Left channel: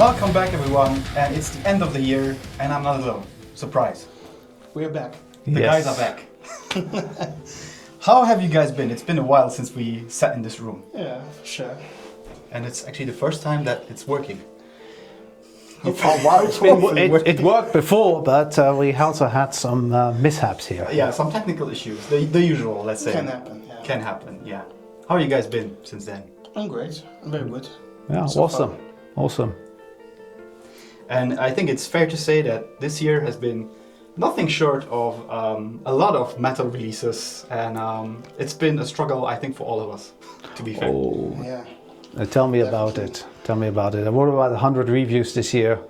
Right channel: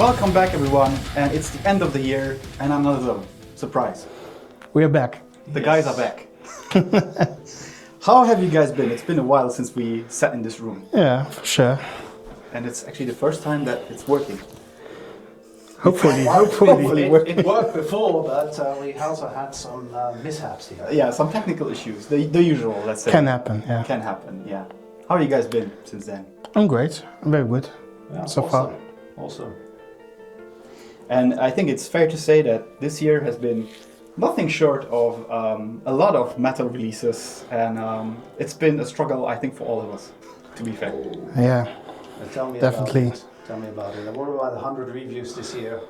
Welcome back, everyone, and it's the end of the year, and I'm not alone. Surprise. We are back. The guys are back. How have you guys been? It's been a while since we sat in this room. Yeah, for sure. And it's actually the first time that it's working. Hopefully. It worked before, but we also had some mishaps here. Yeah, some technical issues. The usual, let's say. Can happen, yeah. Can happen, yeah. How have you guys been since then? I'm great. I'm very good. Yeah, So awesome. far. Awesome. And I think it's fair to say that this year has been nothing short of a lot of metal releases, and it's been a struggle, I think, for all of us, to be fair. Oh. Yeah. Tell me Definitely. about it. Tell me about it. I wrote about 100 reviews this year,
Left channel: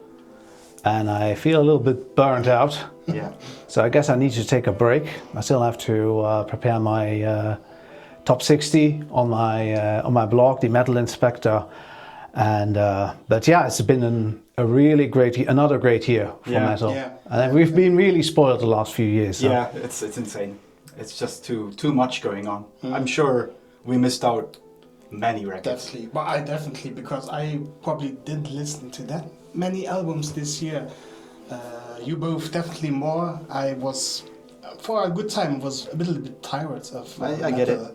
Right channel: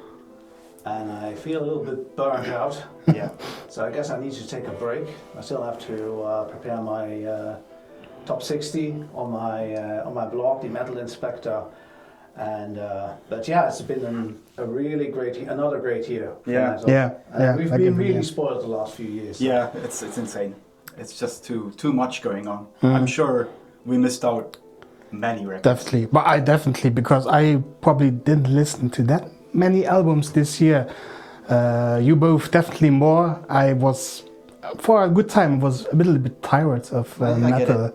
and I feel a little bit burnt out. Yeah. So I guess I need to take a break. I still have to prepare my top 60 on my blog, the Metal Inspector, and but yeah, it's been a really great, another great year for metal. Yeah. And Yeah, we've I been agree, really yeah. spoiled the last few years. so- Yeah, it's insane. It's just too much going on. I'm sure we missed out many records. Definitely. But I definitely, because I probably didn't listen to that many albums this year. You both definitely more. I was, for a good time, was a little bit tired of I metal. get it.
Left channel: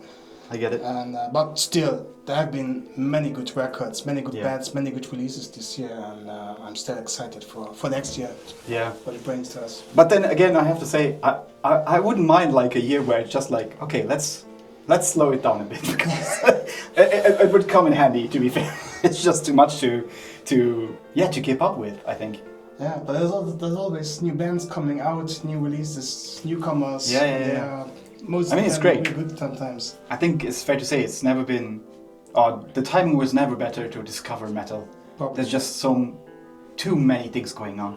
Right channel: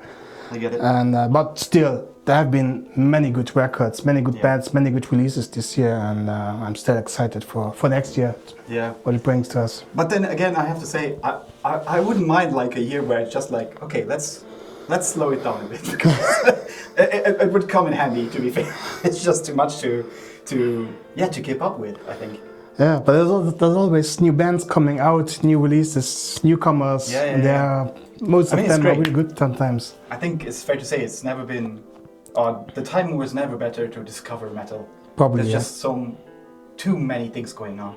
I get it. And but still, there have been many good records, many good bands, many good releases this year, and I'm still excited for next year, Yeah. what it brings to us. But then again, I have to say, I wouldn't mind like a year where it's just like, okay, let's slow it down a bit, because it would come in handy, to be fair. It's just too much to keep up with, I think. Yeah, but there's always new bands coming out, new releases, newcomers. Yeah, yeah, They are, most I mean, of it's them great. are really good sometimes. I think it's fair to say it's never been, the time was never better to discover metal. Probably, There's just too many things going on,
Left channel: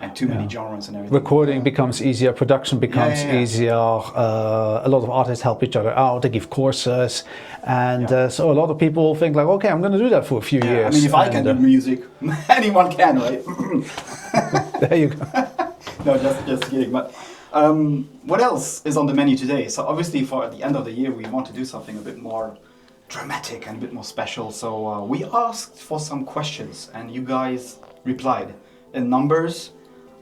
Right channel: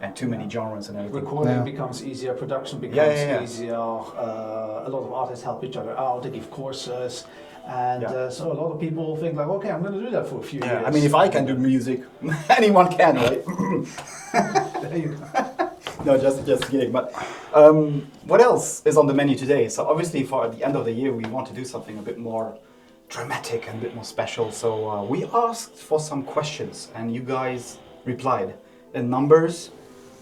and too many genres and everything. Recording Yeah. becomes easier, production becomes yeah. easier. A lot of artists help each other out. They give courses, and so a lot of people think like, okay, I'm going to do that for a few Yeah, years. I mean, if I can do And, music, anyone can, right? there you go. No, just kidding. But what else is on the menu today? So obviously, for the end of the year, we want to do something a bit more dramatic and a bit more special. So we asked for some questions, and you guys replied in numbers.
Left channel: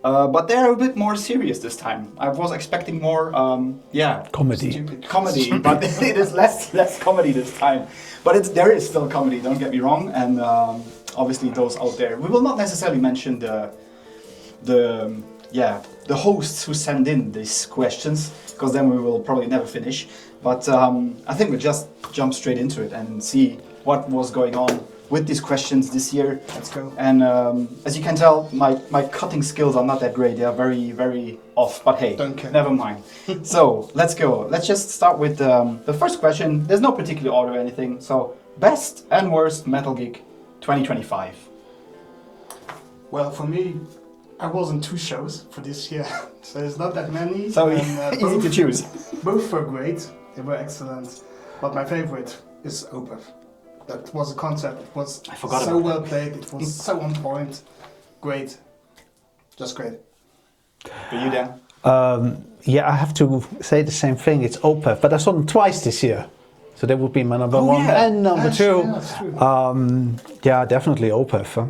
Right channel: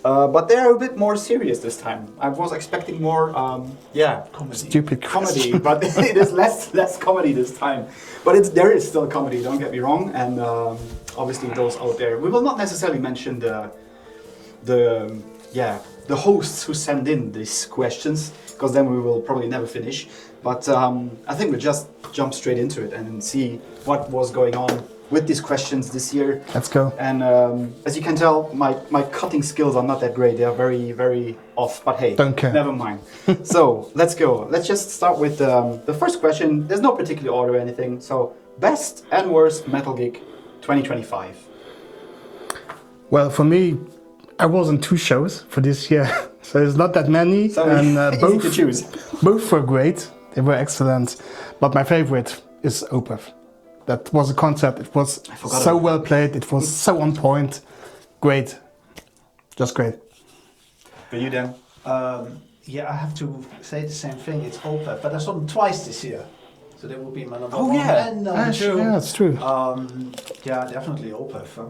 But they're a bit more serious this time. I was expecting more, Comedy. Stupid comedy, but it is less comedy this time. But there is still comedy. Don't get me wrong. And obviously, those out there, we will not necessarily mention the hosts who send in these questions, because then we will probably never finish. But I think we'll just jump straight into it and see what was going on with these questions this year. Let's go. And as you can tell, my cutting skills are not that great. They are very, very off. But hey, Don't care. never mind. So let's go. Let's just start with the first question. There's no particular order or anything. So best and worst metal gig 2025. Well, for me, I was on 2 shows for this year, so it's not that many. So and, easy to choose. Both were great. They were excellent. But my favorite is Opeth. That was a concert. It was forgot so about well played. It was so on point. Great. Just great. For you, Dan? Yeah, I have to say the same thing. It's Opeth, but I saw them twice this year, so that would be my number one and number 2. Yeah, that's true. Yeah, definitely Opeth. Huh?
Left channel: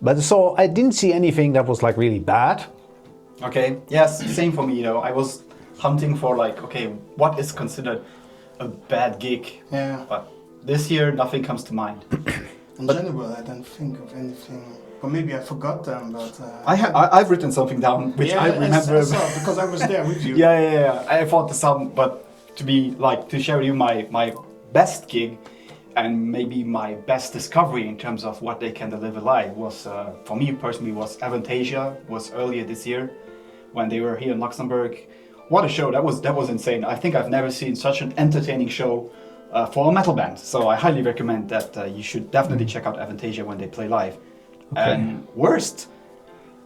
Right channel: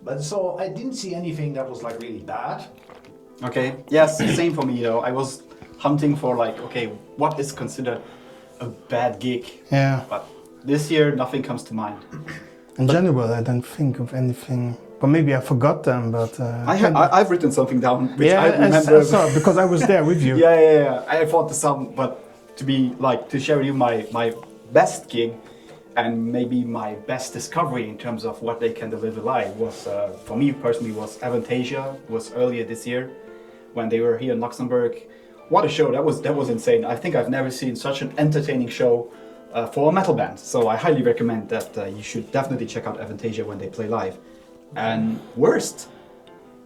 But so I didn't see anything that was like really bad. Okay. Yes, same for me. You know, I was hunting for like, okay, what is considered a bad gig? Yeah. But this year, nothing comes to mind. In general, I don't think of anything. But maybe I forgot them. But I've written something down, which I remember. I saw, because I was there with you. Yeah. I thought the some, but to share with you my best gig, and maybe my best discovery in terms of what they can deliver live was, for me personally, was Avantasia. Was earlier this year, when they were here in Luxembourg. What a show! That was insane. I think I've never seen such an entertaining show for a metal band. So I highly recommend that you should definitely check out Avantasia when they play live. Okay. And worst,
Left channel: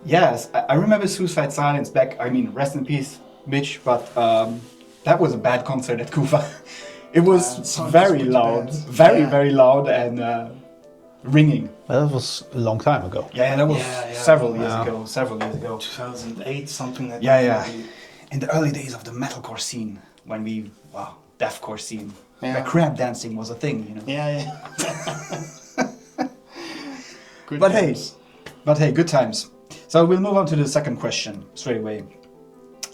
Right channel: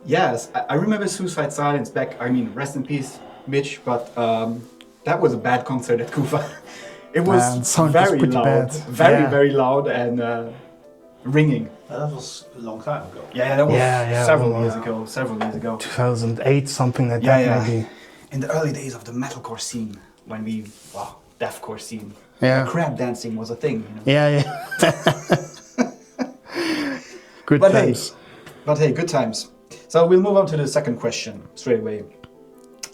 yes, I remember Suicide Silence back. I mean, rest in peace, Mitch. But that was a bad concert at Kufa. It was very loud, very loud and ringing. Well, that was a long time ago. Yeah, that was several years ago. 2008, something like Yeah, that. yeah. Maybe. In the early days of the metalcore scene, when deathcore scene, Yeah. where crab dancing was a thing. You know? Yeah. Good But times. hey, But hey, good times. So we'll move on to the second question straight away.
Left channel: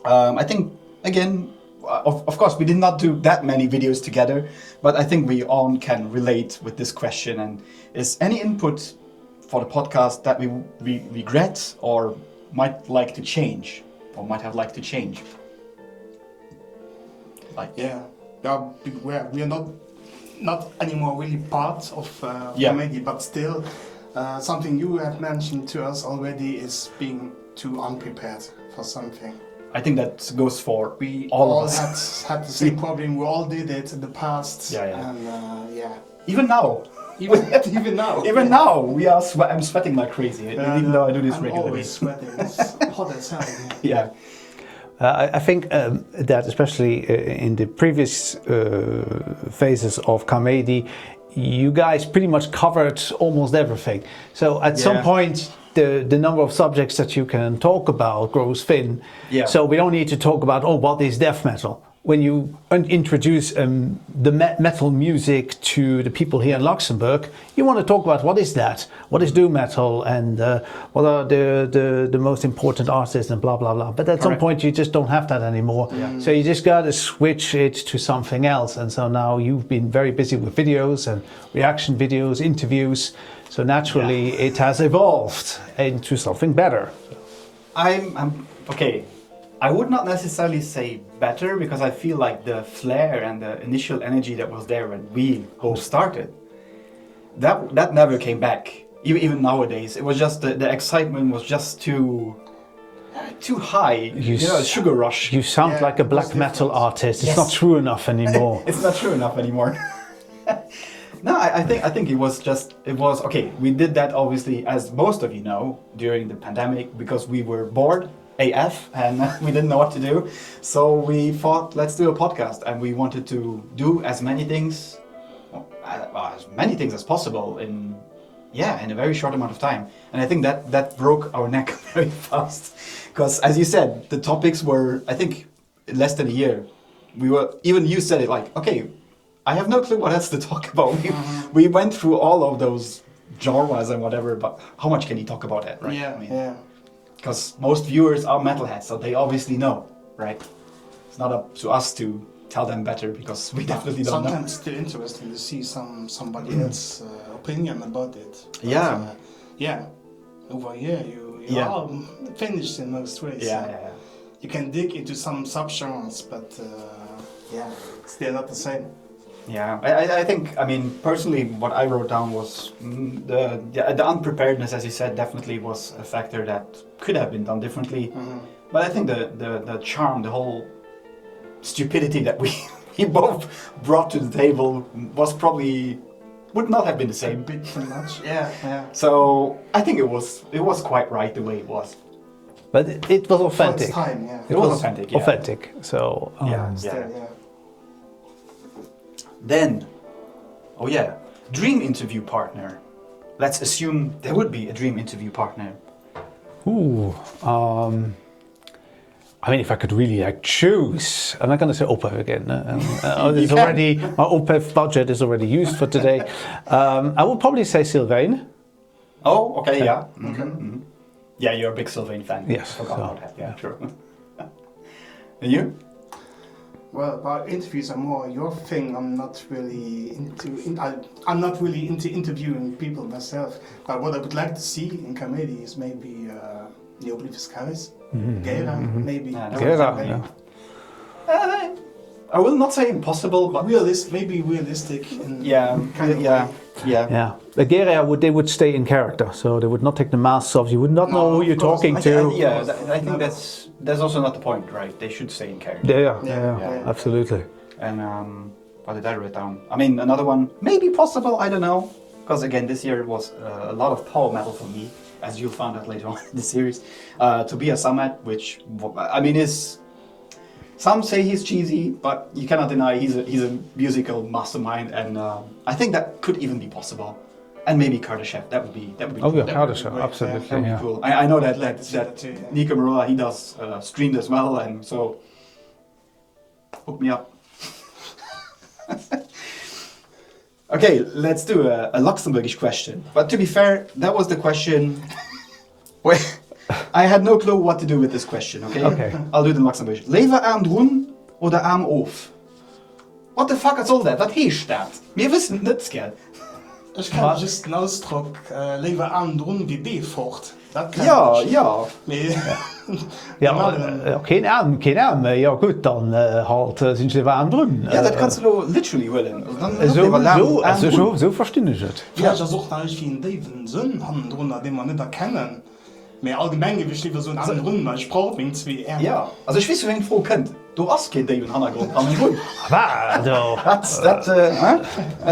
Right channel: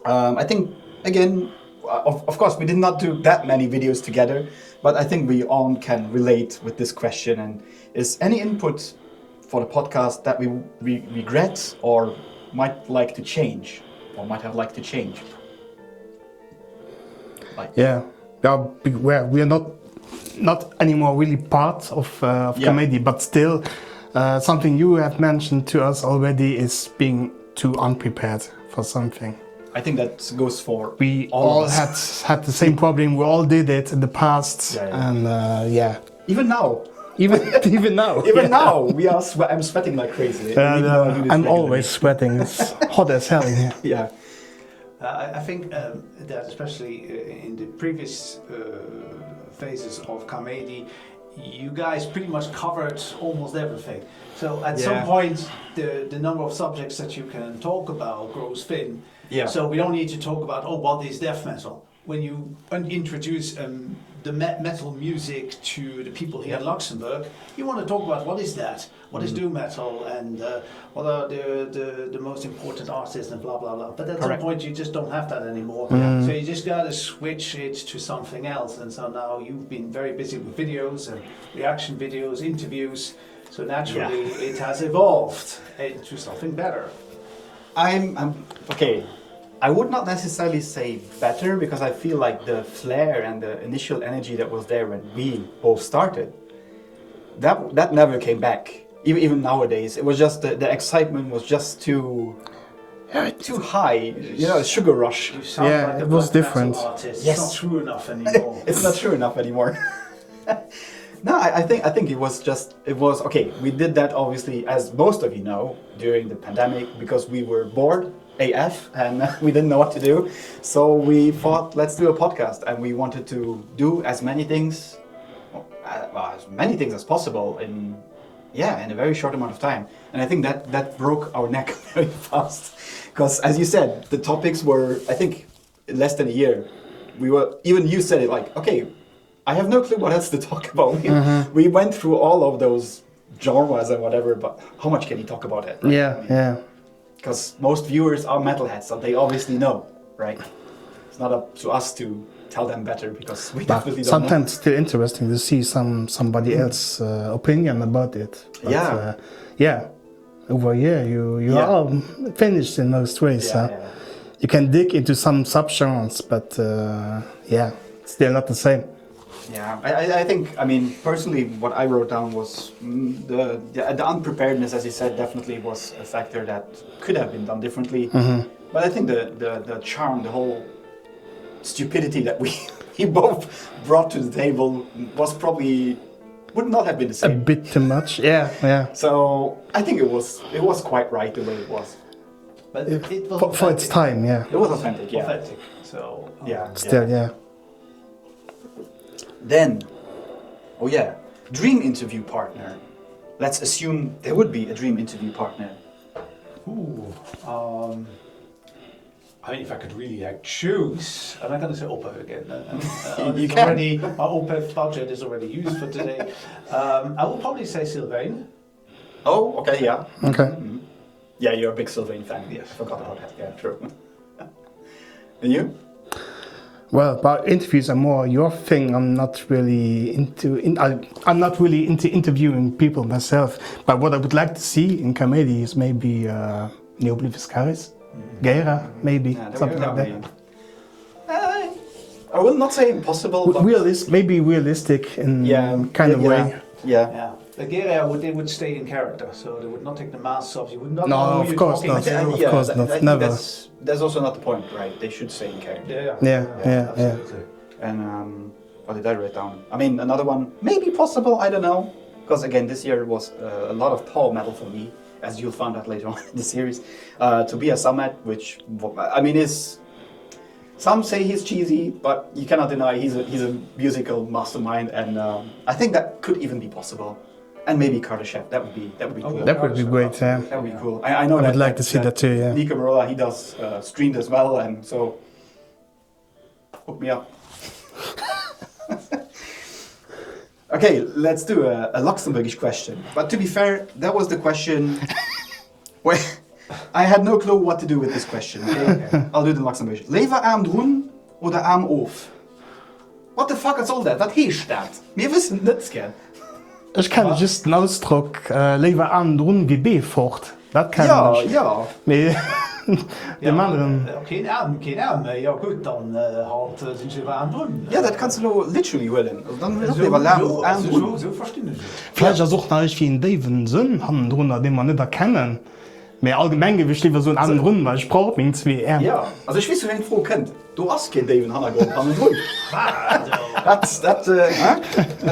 I think, again, of course, we did not do that many videos together, but I think we all can relate with this question. And is any input for the podcast that we regret or might like to change, or might have liked to change? Yeah, we're not anymore really part of comedy, but still something you have mentioned to us already is being too unprepared for something. I think that goes for We all all of us. had the same problem. We all did it in the past, and Even now. even now, Even now, I'm sweating like crazy. Even though I do this I'm regularly. always sweating. It's hot as hell in here. Yeah. I think that especially in the previous phases of comedy, you guys pretty much covered almost everything. So at some point, the number of subjects that you can talk about grows thin. Yeah. So we don't need to talk about, what is death metal? When you introduce the metal music to the people here in Luxembourg, you want to talk about what is that? What is doom metal? And what are the most important artists and blah, blah, blah. But at some point, you just don't have that anymore. So you just got to switch it to something else. And so now you've been very busy with videos and reaction videos, interviews. So naturally, it has evolved into something better. I'm okay. I would not necessarily say better, because I feel like the flair and the initial energy that was there when we both started, that never came back. Even nowadays, it was just the excitement was just too high. Sugar rush. You sound like a black metal artist. It's not true enough anymore. It's not true enough anymore. No, I think it was okay. We did that obviously, as most of you know, during the pandemic, because we were bored AF and we didn't know what to do. So we thought, let's do a podcast, and we wanted to do as many things as possible in a very short amount of time. And I think that broke our neck very fast, because as you said, the topics were, I think, in less than a year. Even you said it like, okay, I have no clue what else to talk about. We went through all of those genres and whatever, but how much can you talk about it? Right? Yeah. Because most viewers are metalheads, so they obviously know, right? It's not up to us to tell them better, because we definitely don't know. Sometimes still interesting to see somebody else's opinion about it. But, over here you are finished in most ways. You can dig into some subgenres, but still not the same. Yeah, I think, personally, what I wrote down was the unpreparedness, as you said, definitely was a factor that could have been done differently. But I think the charm, the whole stupidity that we both brought to the table would not have been the same. A bit too much, yeah. So I think it was quite right the way it was. But it was authentic. For its time, It was authentic, yeah. Authentic, so... Still. Then, dream interview partner. Let's assume there would be a dream interview partner. If I could really choose, I'm not going to say OPEF again. My OPEF budget is already used for today. I would probably say Sylvain. Oh, okay, yeah. Okay. Mm-hmm. Yeah, you're a big Sylvain fan. Yes. I forgot about that. Yeah, true. And you? Well, but interviews are more your thing. I'm not really into interviewing people myself. But what I would like to see in comedy is maybe Neobli Fiscaris, Guerra, maybe. Yeah, I will not say impossible, but maybe realistic in kind of way. Yeah. The Guerra they would stay in character, so they would not take the masks off. You would not know who you're talking to. I think that's also not the point, right? They should stay in character. Yeah, absolutely. And what did I write down? Another one, maybe possible, I don't know. Because again, this year was a lot of power metal for me, as you'll find out later on in the series. To be a Summit, which, is... Some say he's cheesy, but you cannot deny he's a musical mastermind, and I think that could even be possible. And maybe Kardashev, that would be cool. That would be great. That would be cool. I know I'd like to see that too. Yeah. Nico Marola, he does streams as well, and so hook me up. Okay, let's do a Luxembourgish question. But to be fair, that was the question Wait, I had no clue what to do with this question, okay? Okay. I'll do it in Luxembourg. Lever arm drun oder arm auf? What the fuck is all that? Was heisst that? Wir wissen nicht, gell? Ich kann just den Ausdruck lever an drum wie B fort. Das kann Ja, ich. ja. Nee. Ja, anderen. geen Arm. Ja gut, dann halt sind sie warm drin. Ja, das kannst du nur literally wollen. Dann so, lever arm so, arm also drun. so verstehe ich es. Vielleicht sucht natürlich wie ein Davidson haben drunter, den man nicht erkennen. Mehr allgemein gewicht lieber so einen anderen Grund, weil ich brauche mich zwei R. Ja, also ich weiß, wen ich froh kennt. Du hast kein David Hannagrund an den Grund.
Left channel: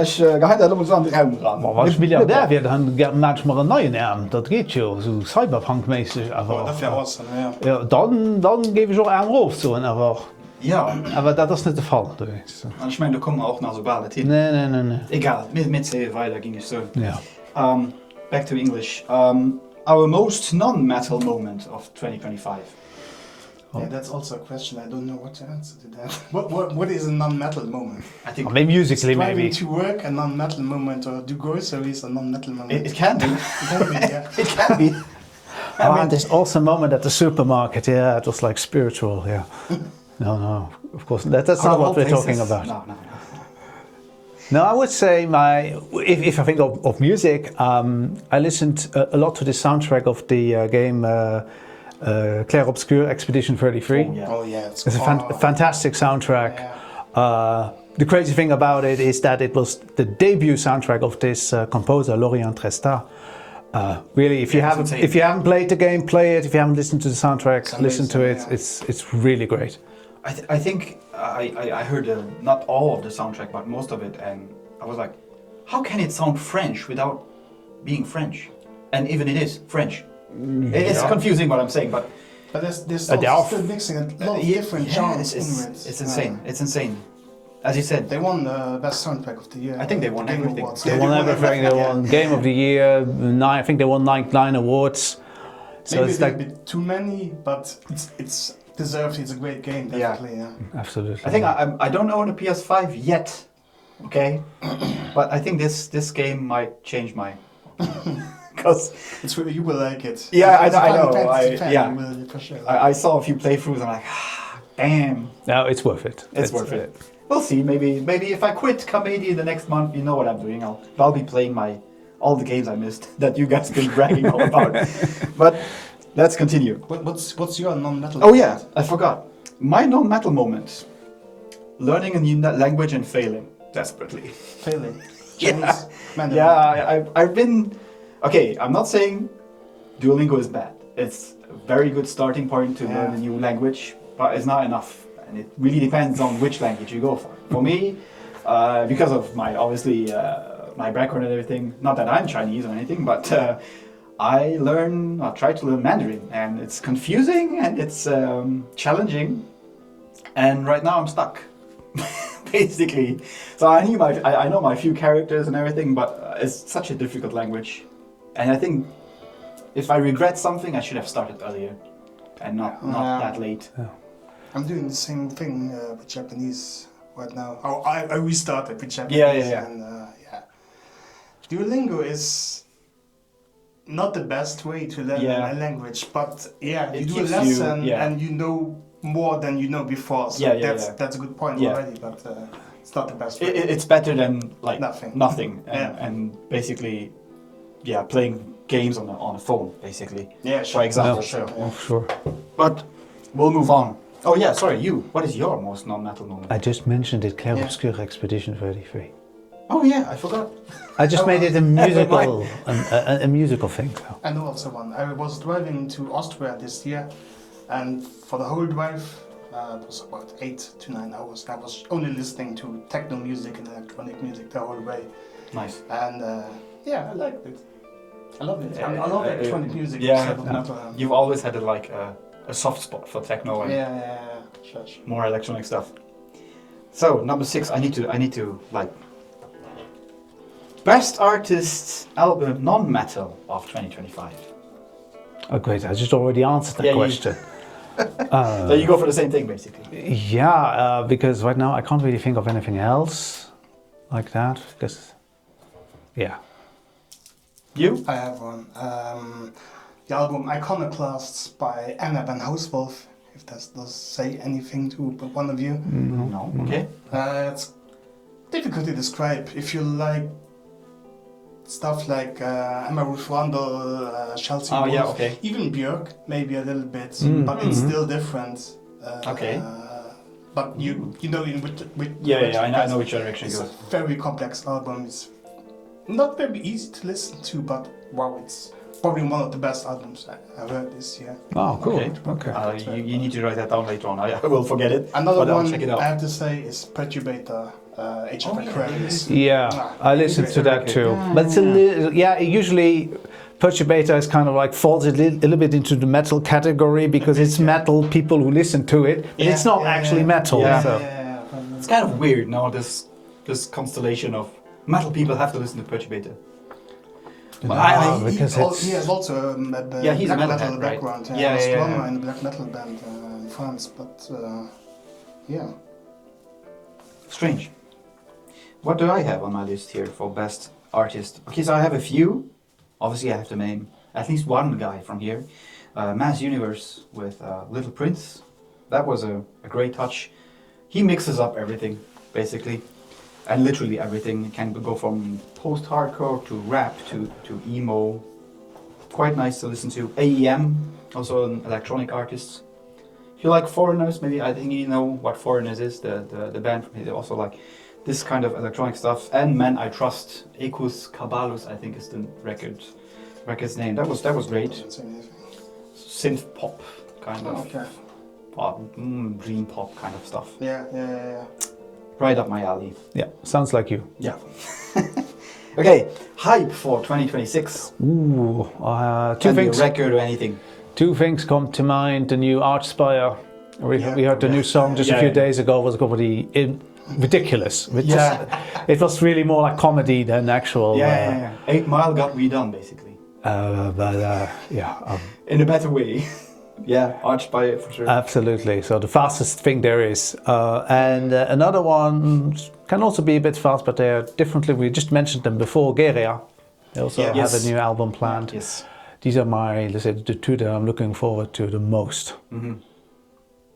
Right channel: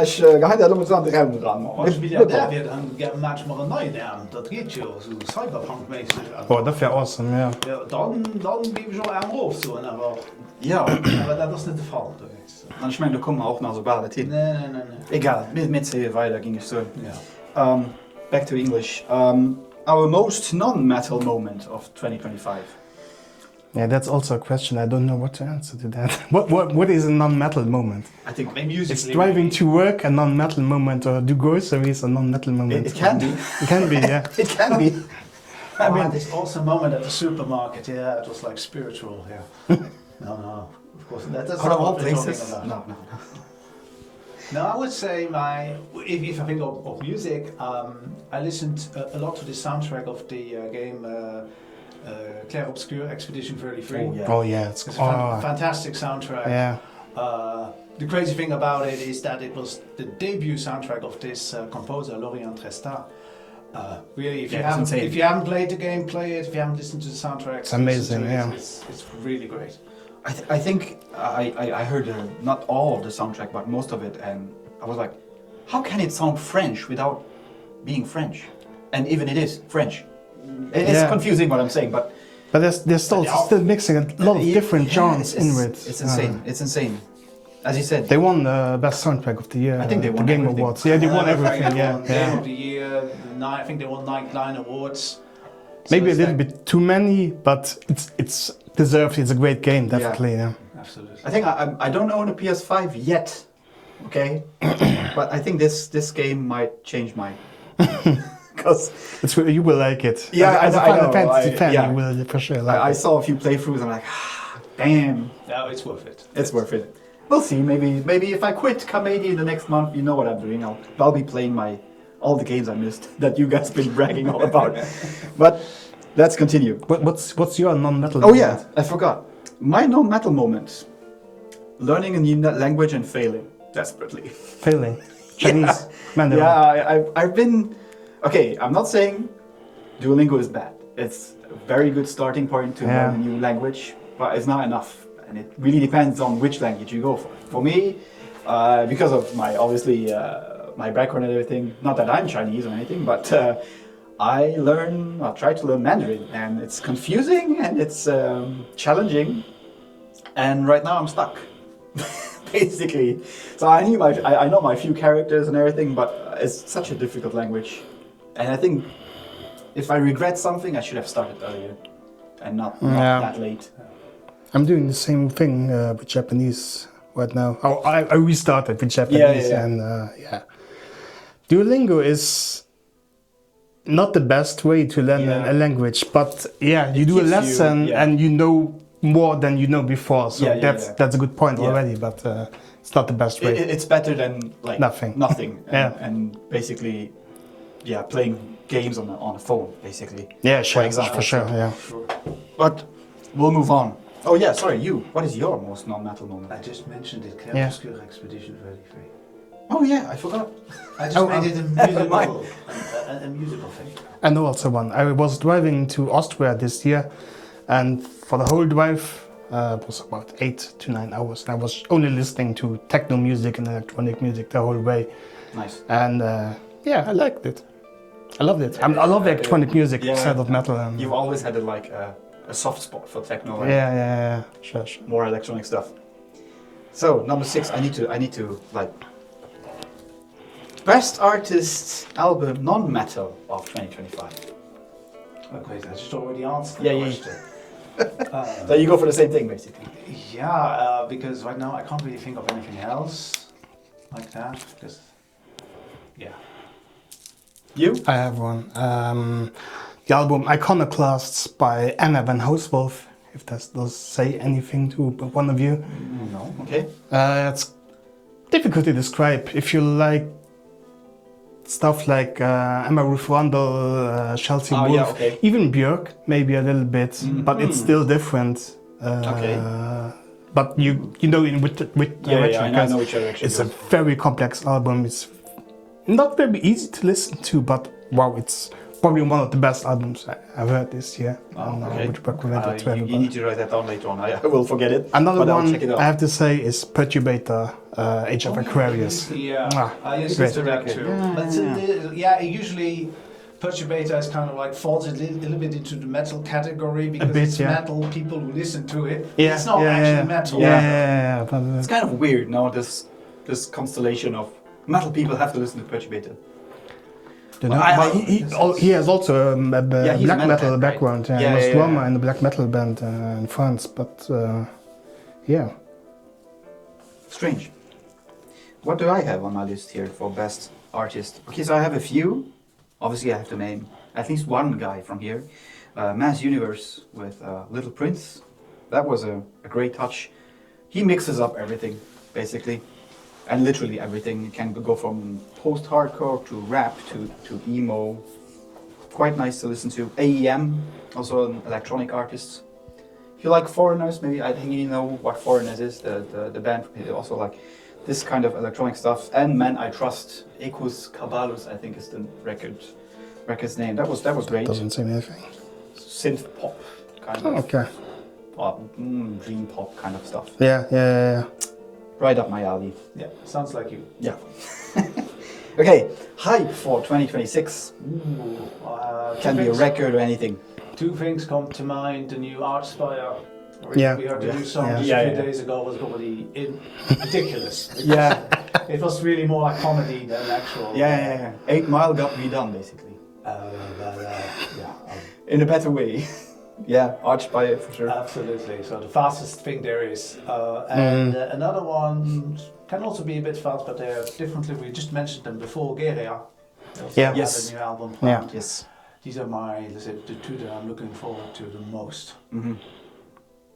Ich geheim da muss an den Raum ran. Was Milliardär wird, dann merkst du mal einen neuen Arm. Das geht schon, so Cyberpunk-mäßig. Oh, das wäre awesome, ja. Ja, dann gebe ich auch Arm rauf, so einfach. Ja, Aber das ist nicht der Fall. und ich meine, da kommen wir auch nach so bald hin. Nee. Egal, mit sehen weiter ging es so. Ja. Back to English. Our most non-metal moment of 2025. Yeah, that's also a question. I don't know what to answer to that. What is a non-metal moment? I think Maybe musically, Driving maybe. to work, a non-metal moment, or do groceries, a non-metal moment? it can be. It can be, yeah. It can be. I mean, There's also a moment at the supermarket, yeah, it was like spiritual, yeah. No, of course, that's out not of all what we're talking places. about. No. No, I would say if I think of music, I listened a lot to the soundtrack of the game Clair Obscur Expedition 33. Oh, yeah. Oh, yeah. It's a fantastic soundtrack. Yeah. The crazy thing about it is that it was the debut soundtrack of this composer, Lorient Trestat. Really, if you haven't played the game, play it. If you haven't listened to the soundtrack, listen to it. Yeah. It's really great. I think I heard not all of the soundtrack, but most of it, and I was like, how can it sound French without being French? And even it is French. It's confusing what I'm saying, but there's still mixing a lot of different genres in it. It's insane. It's insane. As you said, They won the best soundtrack of the year. I think they won the Game everything. Awards. Yeah, Yeah, they they won won everything, everything. yeah. Game of the Year, I think they won nine awards. So Maybe a it's little like- bit too many, but it's deserved. It's a great game, definitely. Yeah. Absolutely. I think I don't own a PS5 yet, okay? But I think this game might change my... Because You will like it. Yeah, As a I Final know, Fantasy fan, yeah. you will for sure like I saw a few playthroughs and I'm like, damn, No, it's worth it. it's worth it. We'll see, maybe if I quit Comedy the next month, you know what I'm doing. I'll be playing all the games I missed that you guys been bragging all about. But let's continue. What's your non-metal? Oh yeah, I forgot. My non-metal moments. Learning a new language and failing desperately. Failing. Yeah. Chinese, Mandarin. Yeah, I've been... Okay, I'm not saying Duolingo is bad. It's a very good starting point to learn a new language, but it's not enough. And it really depends on which language you go for. For me, because of my, obviously, my background and everything, not that I'm Chinese or anything, but I try to learn Mandarin. And it's confusing and it's challenging. And right now I'm stuck. Basically, so I know my few characters and everything, but it's such a difficult language, and I think if I regret something, I should have started earlier, and not that late. I'm doing the same thing with Japanese right now. Oh, I restarted with Japanese, Yeah. and Duolingo is not the best way to learn a language, but you do a keeps lesson you- and you know more than you know before. So that's a good point already, but it's not the best way. It's better than like Nothing. and basically, playing games on a phone, basically. Yeah, sure. For example, for sure. so- Yeah. Sure. But we'll move on. Oh yeah, sorry, you. What is your most non-metal moment? I just mentioned it, Clair Obscur Expedition 33. Oh yeah, I forgot. I just made it a musical, a musical thing. I know also one. I was driving to Austria this year, and for the whole drive, it was about 8 to 9 hours. And I was only listening to techno music and electronic music the whole way. Nice. And I liked it. I loved it. I love electronic music instead of metal. You've always had a soft spot for techno and Yeah. Sure. more electronic stuff. So number 6, I need to like best artist album non-metal of 2025. Oh, great! I just already answered that Yeah, question. So you go for the same thing basically. Yeah, because right now I can't really think of anything else like that. Because, You? I have one. the album Iconoclasts by Anna van Housewolf, if that does say anything to one of you. No. Okay. It's difficult to describe. If you like stuff like Emma Ruth Rundle, Chelsea Wolf, yeah, okay. even Björk, maybe a little bit, but it's still different. Okay. But you know with Yeah, I know which direction it's it a goes. very complex album. It's not very easy to listen to, but wow, it's probably one of the best albums I've heard this year. Oh, cool. Okay. Which book I read that You about. need to write that down later on. I will forget it. Another but one I'll check it out. I have to say is Perturbator, Age of Aquarius. Yeah, I listened to that too. Yeah, But it's a little, usually Perturbator is kind of like falls a little bit into the metal category because bit, it's yeah. metal people who listen to it. Yeah, It's not yeah, actually yeah. metal. Yeah, but, It's kind of weird now, this constellation of metal people have to listen to Perturbator. he has also a Yeah, he's a black metalhead, metal right? background. Yeah, he was yeah, drummer yeah. in a black metal band in France, but yeah. Strange. What do I have on my list here for best artist? Okay, so I have a few. Obviously, I have to name at least one guy from here. Mass Universe with Little Prince. That was a great touch. He mixes up everything, basically. And literally everything. It can go from post-hardcore to rap to emo. Quite nice to listen to. AEM, also an electronic artist. If you like Foreigners, maybe I think you know what Foreigners is, the band. They also like this kind of electronic stuff. And Men I Trust, Ecus Caballos, I think is the record's name. That was great. Doesn't say anything. Synth pop kind of Okay. pop, dream pop kind of stuff. Yeah. Right up my alley. Yeah, sounds like you. Yeah. Okay, hype for 2026. Ooh, Can be a record or anything. two things come to mind. The new Archspire. We heard the new song just a Yeah, few yeah. days ago. Was probably ridiculous. Yeah. It was really more like comedy than actual. Yeah. 8 Mile got redone basically. In a better way. Yeah, Archspire for sure. Absolutely. So the fastest thing there is, and another one can also be a bit fast, but they're differently. We just mentioned them before. Geria. They also have Yes. a new album planned. Yes. These are let's say, the two that I'm looking forward to the most.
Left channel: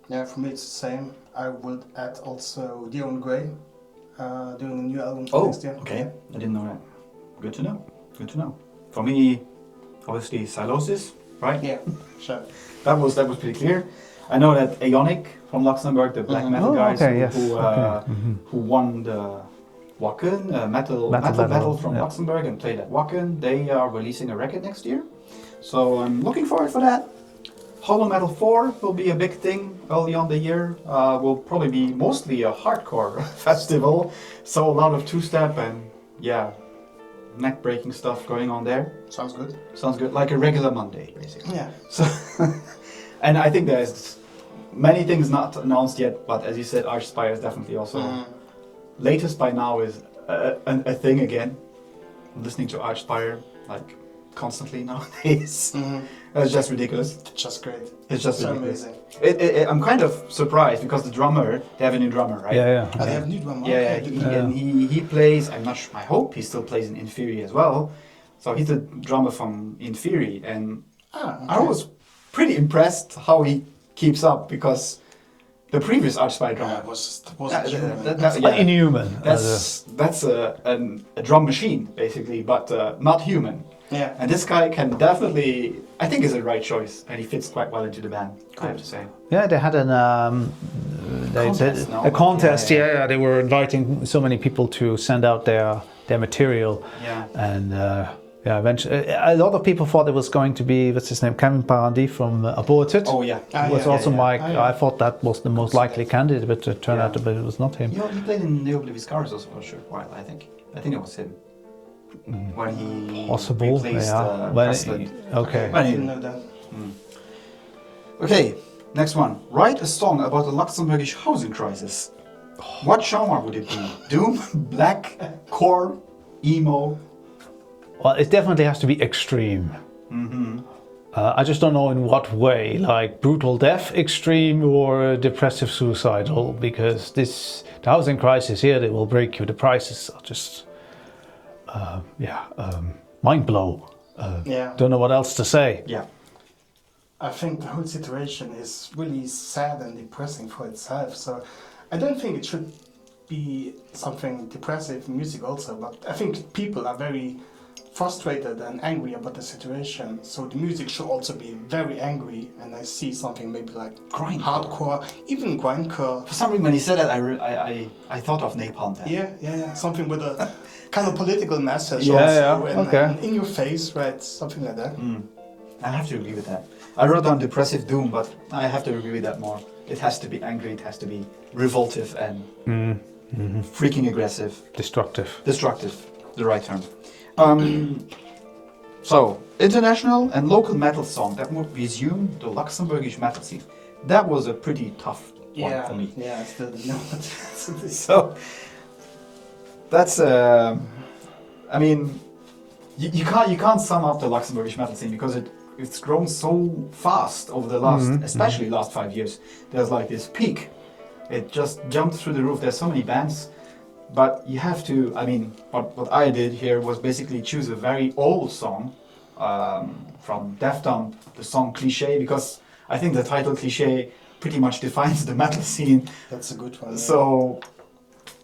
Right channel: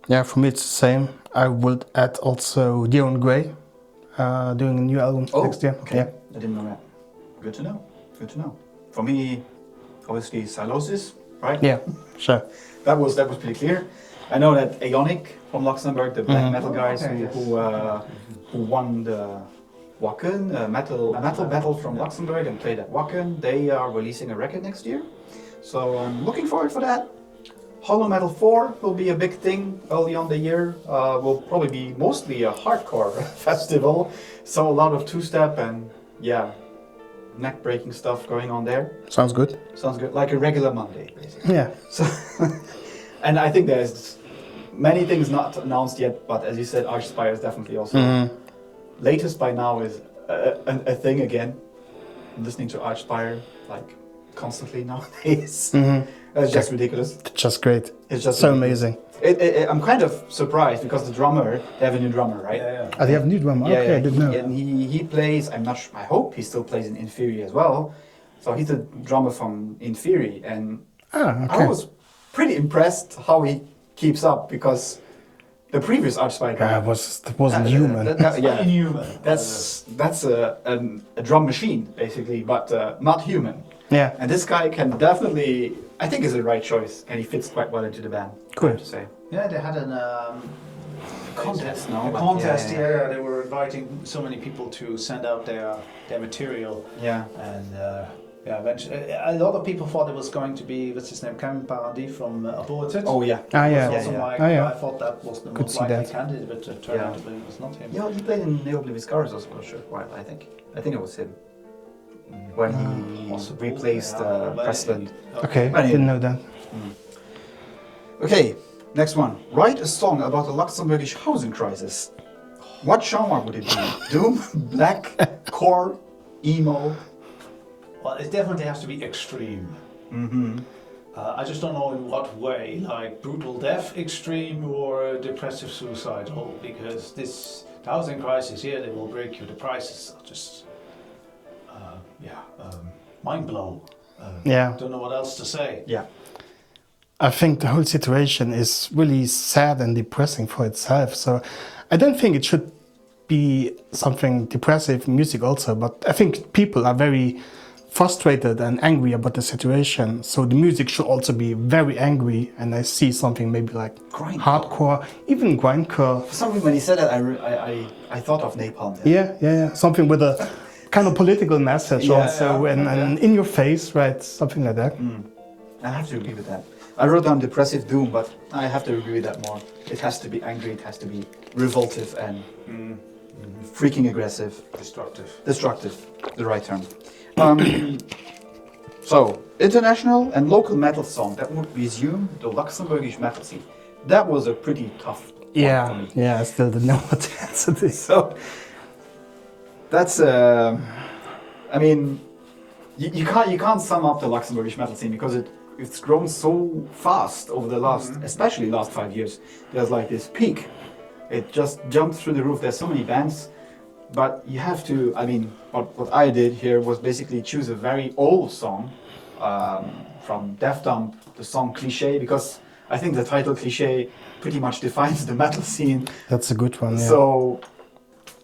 Yeah, for me it's the same. I would add also Dion Gray doing a new album next year. Okay. Yeah. I didn't know that. Good to know. Good to know. For me, obviously Silosis, right? Yeah, sure. That was pretty clear. I know that Aeonic from Luxembourg, the black metal guys who won the Wacken metal from Luxembourg and played at Wacken, they are releasing a record next year. So I'm looking forward for that. Hollow Metal 4 will be a big thing early on the year. Will probably be mostly a hardcore festival. So a lot of two-step and neck-breaking stuff going on there. Sounds good. Sounds good, like a regular Monday, basically. Yeah. So, and I think there's many things not announced yet, but as you said, Archspire is definitely also latest by now is a thing again. I'm listening to Archspire like constantly nowadays. It's just ridiculous. Just great. It's just so ridiculous. amazing. I'm kind of surprised because the drummer, they have a new drummer, right? Yeah. They have a new drummer. Yeah, Okay, I yeah. didn't know that. And he plays. I'm not sure. I hope he still plays in Inferi as well. So he's the drummer from Inferi, and I was pretty impressed how he keeps up because the previous Archspire drummer wasn't human. Inhuman. That's a drum machine basically, but not human. Yeah. And this guy can definitely, I think, is the right choice, and he fits quite well into the band. I have to say. Yeah, they had Contest, no, a but contest. yeah. Yeah, they were inviting so many people to send out their material. Yeah. And eventually, a lot of people thought it was going to be what's his name, Kevin Paradis from Aborted. Oh yeah. Was also yeah. I thought that was the most see likely that. candidate, but it turned out that it was not him. Yeah, he played in Neoblivious Scars also for a short while. I think it was him when he Possible, replaced Well, President. Okay. I didn't know that. Okay, next one. Write a song about the Luxembourgish housing crisis. What genre would it be? Doom, black, core, emo? Well, it definitely has to be extreme. I just don't know in what way, like brutal death extreme or depressive suicidal, because the housing crisis here, they will break you. The prices are just, mind blow. Yeah. Don't know what else to say. Yeah. I think the whole situation is really sad and depressing for itself. So I don't think it should be something depressive music also, but I think people are very frustrated and angry about the situation. So the music should also be very angry, and I see something maybe like Grindcore. hardcore, even grindcore. For some reason, when he said that, I thought of Napalm. Then. Yeah. Something with a kind of political message Yeah, also, yeah, and, okay. and in your face, right? Something like that. I have to agree with that. I wrote down depressive doom, but I have to agree with that more. It has to be angry, it has to be revoltive and freaking aggressive. Destructive. Destructive, the right term. So, international and local metal song that would resume the Luxembourgish metal scene. That was a pretty tough one for me. Yeah, I still don't know what to answer this. So, that's, I mean, you can't sum up the Luxembourgish metal scene because it's grown so fast over the last, especially last 5 years. There's like this peak. It just jumped through the roof. There's so many bands, but you have to, I mean, what I did here was basically choose a very old song from Def Dump, the song Cliché, because I think the title Cliché pretty much defines the metal scene. That's a good one. Yeah. So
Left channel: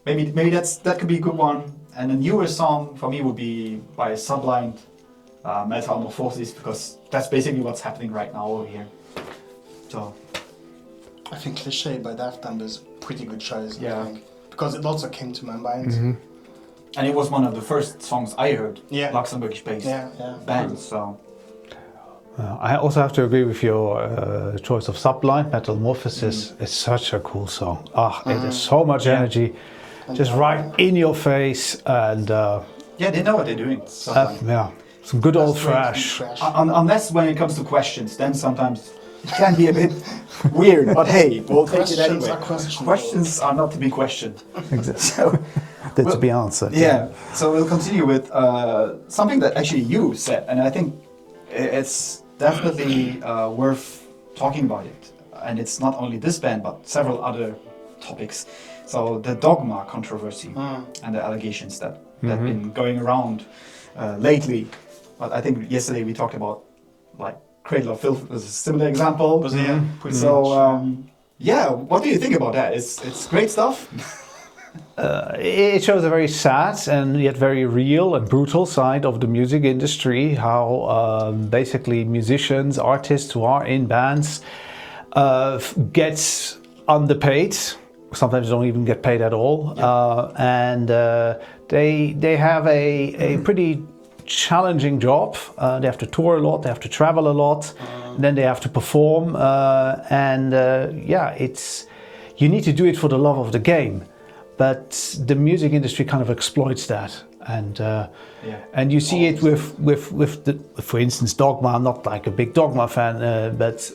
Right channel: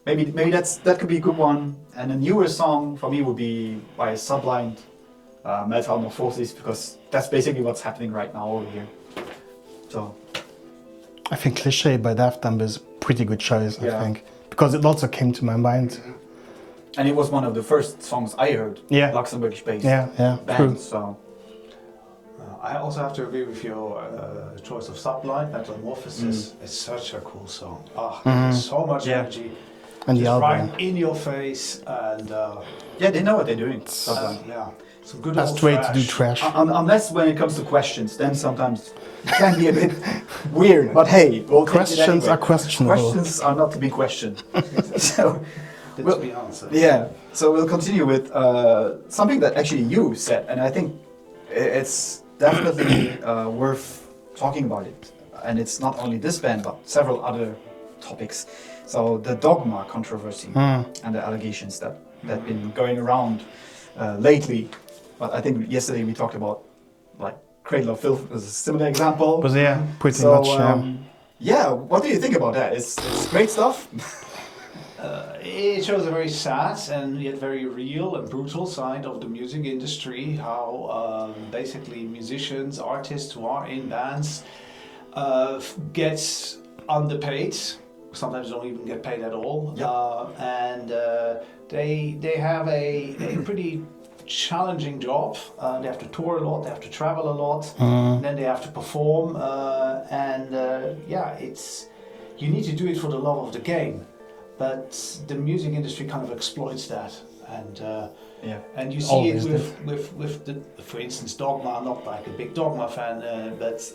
maybe that could be a good one. And a newer song for me would be by Sublimed, Metamorphosis, because that's basically what's happening right now over here. So I think Cliché by Daft Punk is a pretty good choice, Yeah. I think. Because it also came to my mind. and it was one of the first songs I heard, Yeah. Luxembourgish-based Yeah. band. True. So I also have to agree with your choice of Sublime. Metamorphosis is such a cool song. It has so much energy, And just the right album. in your face, and yeah, they know what they're doing. Sometimes. some good old Straight to do trash. trash. Unless when it comes to questions, then sometimes it can be a bit weird. But hey, we'll take it Questions anyway. are questionable. Questions are not to be questioned. So That's Well, to be answered. yeah, so we'll continue with something that actually you said, and I think it's definitely worth talking about it. And it's not only this band, but several other topics. So the Dogma controversy and the allegations that have been going around lately. But I think yesterday we talked about like Cradle of Filth as a similar example. Because, yeah, pretty So much. yeah, what do you think about that? It's great stuff. It shows a very sad and yet very real and brutal side of the music industry. How basically musicians, artists who are in bands, gets underpaid. Sometimes don't even get paid at all, and they have a pretty challenging job. They have to tour a lot, they have to travel a lot, then they have to perform, and it's you need to do it for the love of the game. But the music industry kind of exploits that, and you see it with the, for instance, Dogma. I'm not like a big Dogma fan, but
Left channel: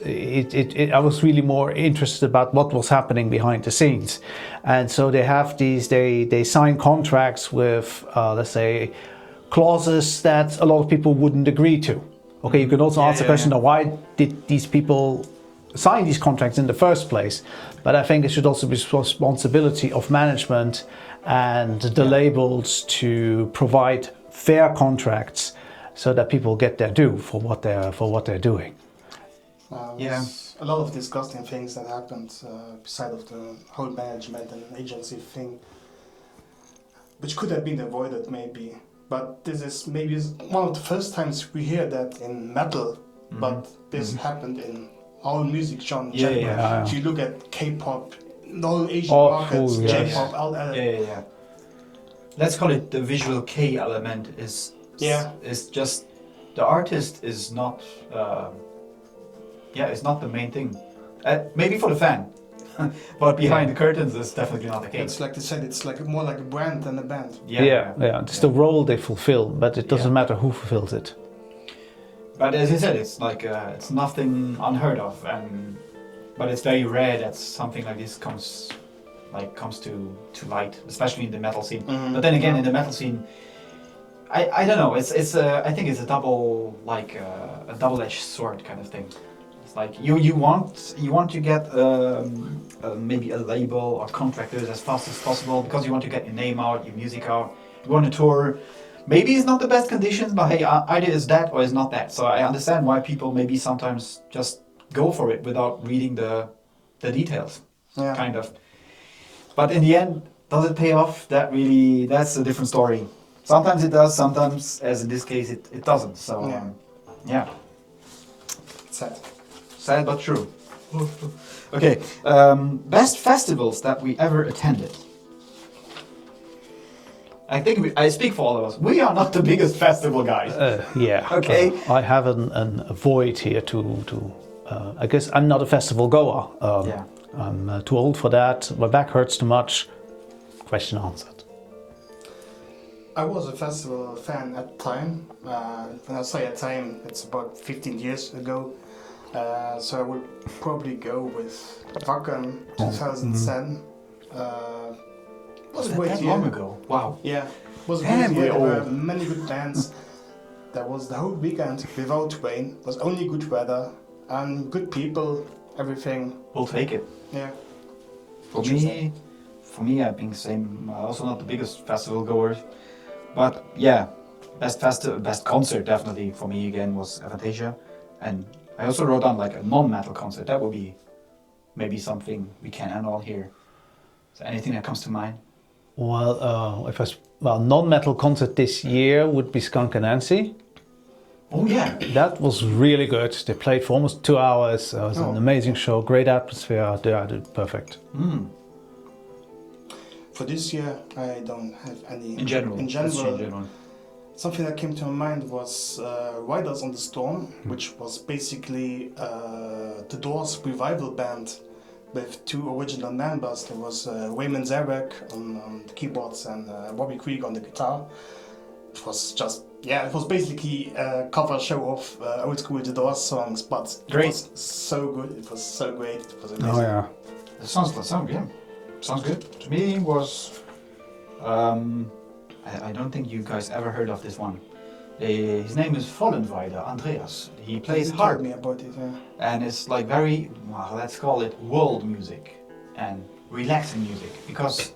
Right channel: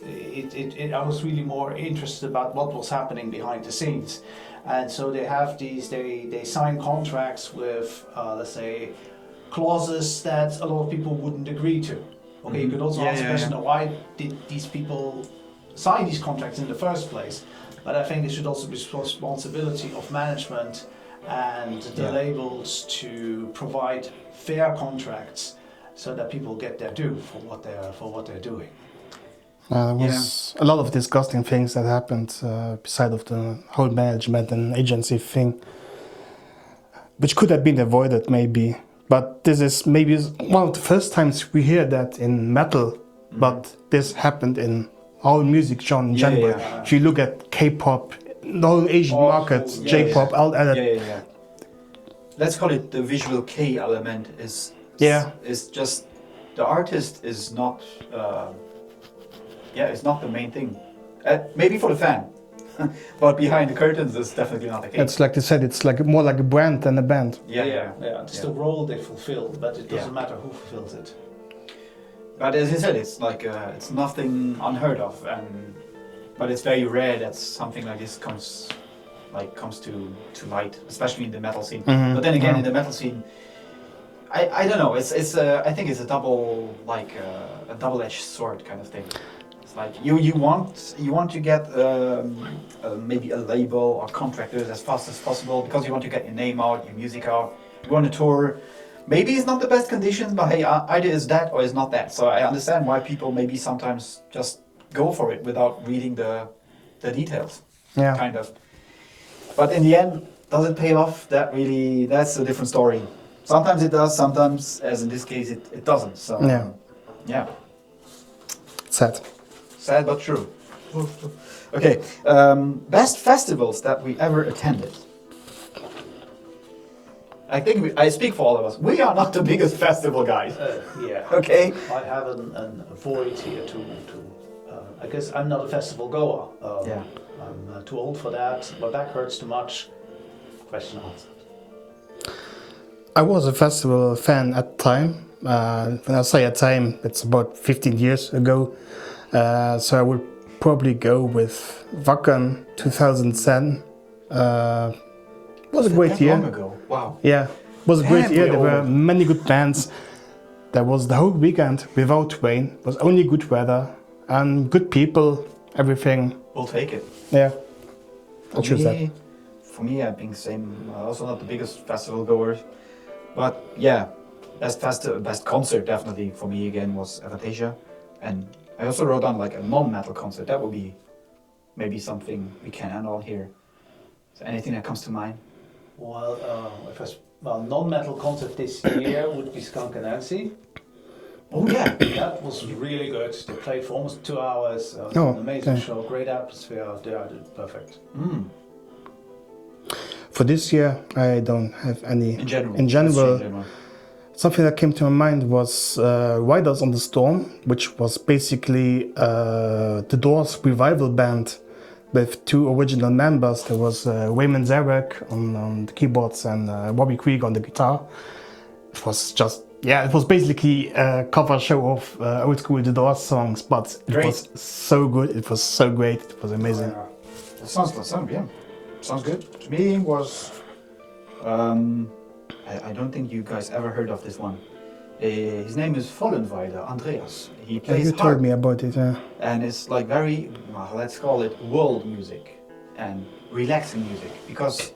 I was really more interested about what was happening behind the scenes, and so they have they sign contracts with let's say clauses that a lot of people wouldn't agree to. Okay, you can also ask the question: why did these people sign these contracts in the first place? But I think there should also be responsibility of management and the labels to provide fair contracts so that people get their due for what they're doing. There was a lot of disgusting things that happened beside of the whole management and agency thing, which could have been avoided maybe. But this is maybe one of the first times we hear that in metal, but this happened in all music genre in general. If you look at K-pop, the whole Asian markets, J-pop, all that. Yeah. Let's call it the visual K element is just the artist is not it's not the main thing. Maybe for the fan, but behind the curtains is definitely not the case. It's like they said, it's like more like a brand than a band. It's the role they fulfill, but it doesn't matter who fulfills it. But as you said, it's like it's nothing unheard of, but it's very rare that something like this comes to light, especially in the metal scene. But then again, in the metal scene, I don't know. I think it's a double-edged sword kind of thing. It's like you want to get maybe a label or contractors as fast as possible because you want to get your name out, your music out. You want to tour. Maybe it's not the best conditions, but hey, either is that or is not that. So I understand why people maybe sometimes just go for it without reading the details, Yeah. kind of. But in the end, does it pay off? That's a different story. Sometimes it does, sometimes, as in this case, it doesn't. So, Yeah. yeah. Sad. Sad but true. Okay, best festivals that we ever attended. I think I speak for all of us. We are not the biggest festival guys. Yeah. Okay. I have a void here to I guess I'm not a festival goer. Yeah. I'm too old for that. My back hurts too much. Question answered. I was a festival fan at the time. When I say at time, it's about 15 years ago. So I would probably go with Wacken 2010. Was a great that year. long ago? Wow. Yeah, was a Damn, great year. we're There were old. many good bands. There was the whole weekend without rain. It was only good weather and good people. Everything. We'll take it. Yeah. For me, I think the same. Also not the biggest festival goer, but yeah, best concert definitely for me again was Avantasia, and I also wrote down like a non-metal concert. That would be maybe something we can end on here. Is there anything that comes to mind? Well, non-metal concert this year would be Skunk and Nancy. Oh yeah, That was really good. They played for almost 2 hours. It was an amazing okay. show, great atmosphere. They did perfect. For this year, I don't have any. in general. In Let's say general, in general. something that came to my mind was Riders on the Storm, which was basically the Doors revival band with 2 original members. There was Wayman Zarek on the keyboards and Robbie Krieg on the guitar. It was just, it was basically a cover show of old school The Doors songs, but it Great. was so good. It was so great. It was amazing. That sounds good. To me was, I don't think you guys ever heard of this one. His name is Vollenweiler Andreas. He plays You harp. told me about it. And it's like very, well, let's call it world music and relaxing music, because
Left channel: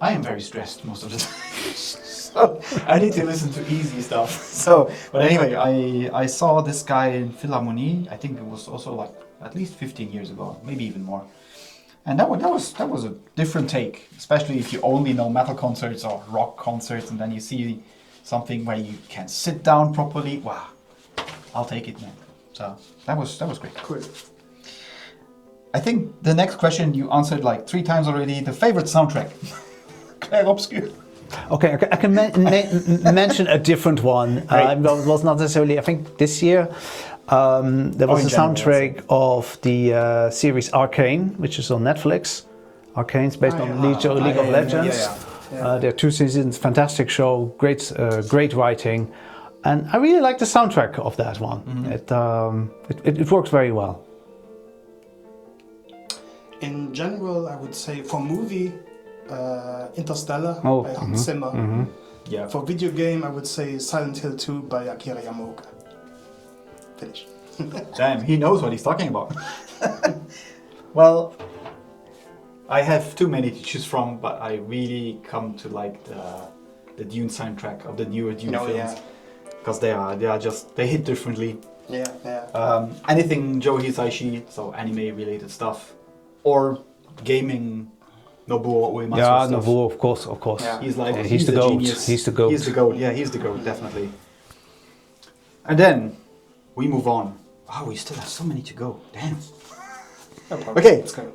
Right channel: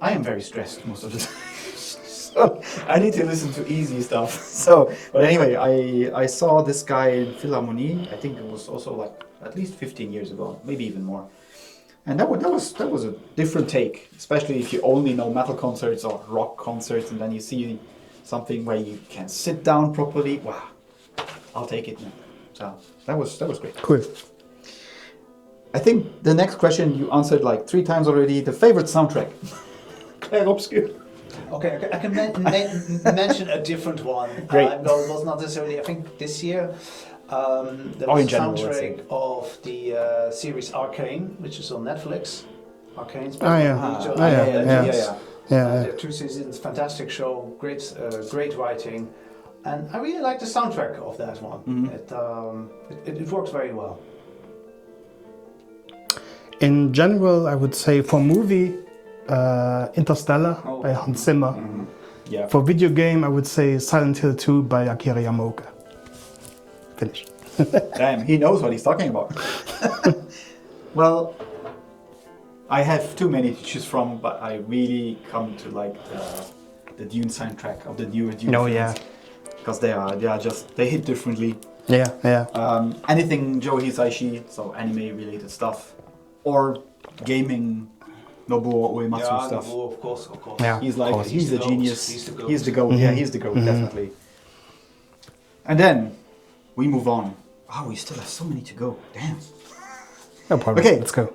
I am very stressed most of the time. So I need to listen to easy stuff. So, but anyway, I saw this guy in Philharmonie. I think it was also like at least 15 years ago, maybe even more. And that was a different take, especially if you only know metal concerts or rock concerts, and then you see something where you can sit down properly. Wow, I'll take it, man. So that was great. Cool. I think the next question you answered like 3 times already. The favorite soundtrack. Claire Obscure. Okay, I can mention a different one. Great. No, it was not necessarily, I think this year, there Or was in a general, let's soundtrack of the series Arcane, which is on Netflix. Arcane's based on League of Legends. There are 2 seasons, fantastic show, great writing. And I really like the soundtrack of that one. It works very well. In general, I would say for movie, Interstellar by Hans Zimmer. Yeah. For video game, I would say Silent Hill 2 by Akira Yamaoka. Finish. Damn, he knows what he's talking about. Well, I have too many to choose from, but I really come to like the Dune soundtrack of the newer Dune films. Because they hit differently. Anything Joe Hisaishi, so anime related stuff, or gaming, Nobuo Uematsu stuff. Nobuo, of course. Yeah. He's like, He's the the genius. goat. He's the goat. He's the goat. Yeah, he's the goat, definitely. And then we move on. Oh, we still have so many to go. Damn. No problem. Okay. Let's go.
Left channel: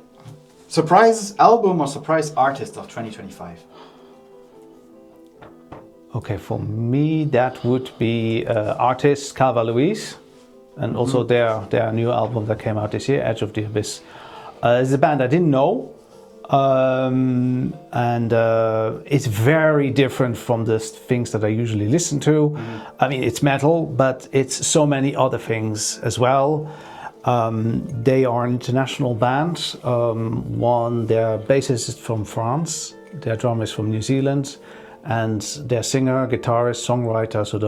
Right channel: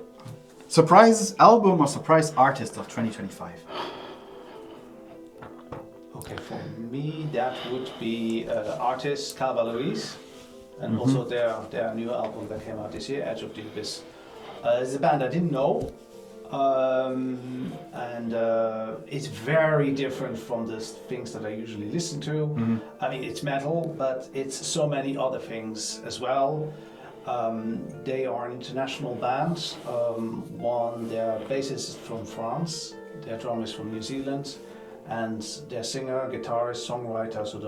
Surprise album or surprise artist of 2025? Okay, for me that would be artist Calva Louise, and also their new album that came out this year, Edge of the Abyss. It's a band I didn't know, and it's very different from the things that I usually listen to. I mean, it's metal, but it's so many other things as well. They are an international band. Their bassist is from France, their drummer is from New Zealand, and their singer, guitarist, songwriter, so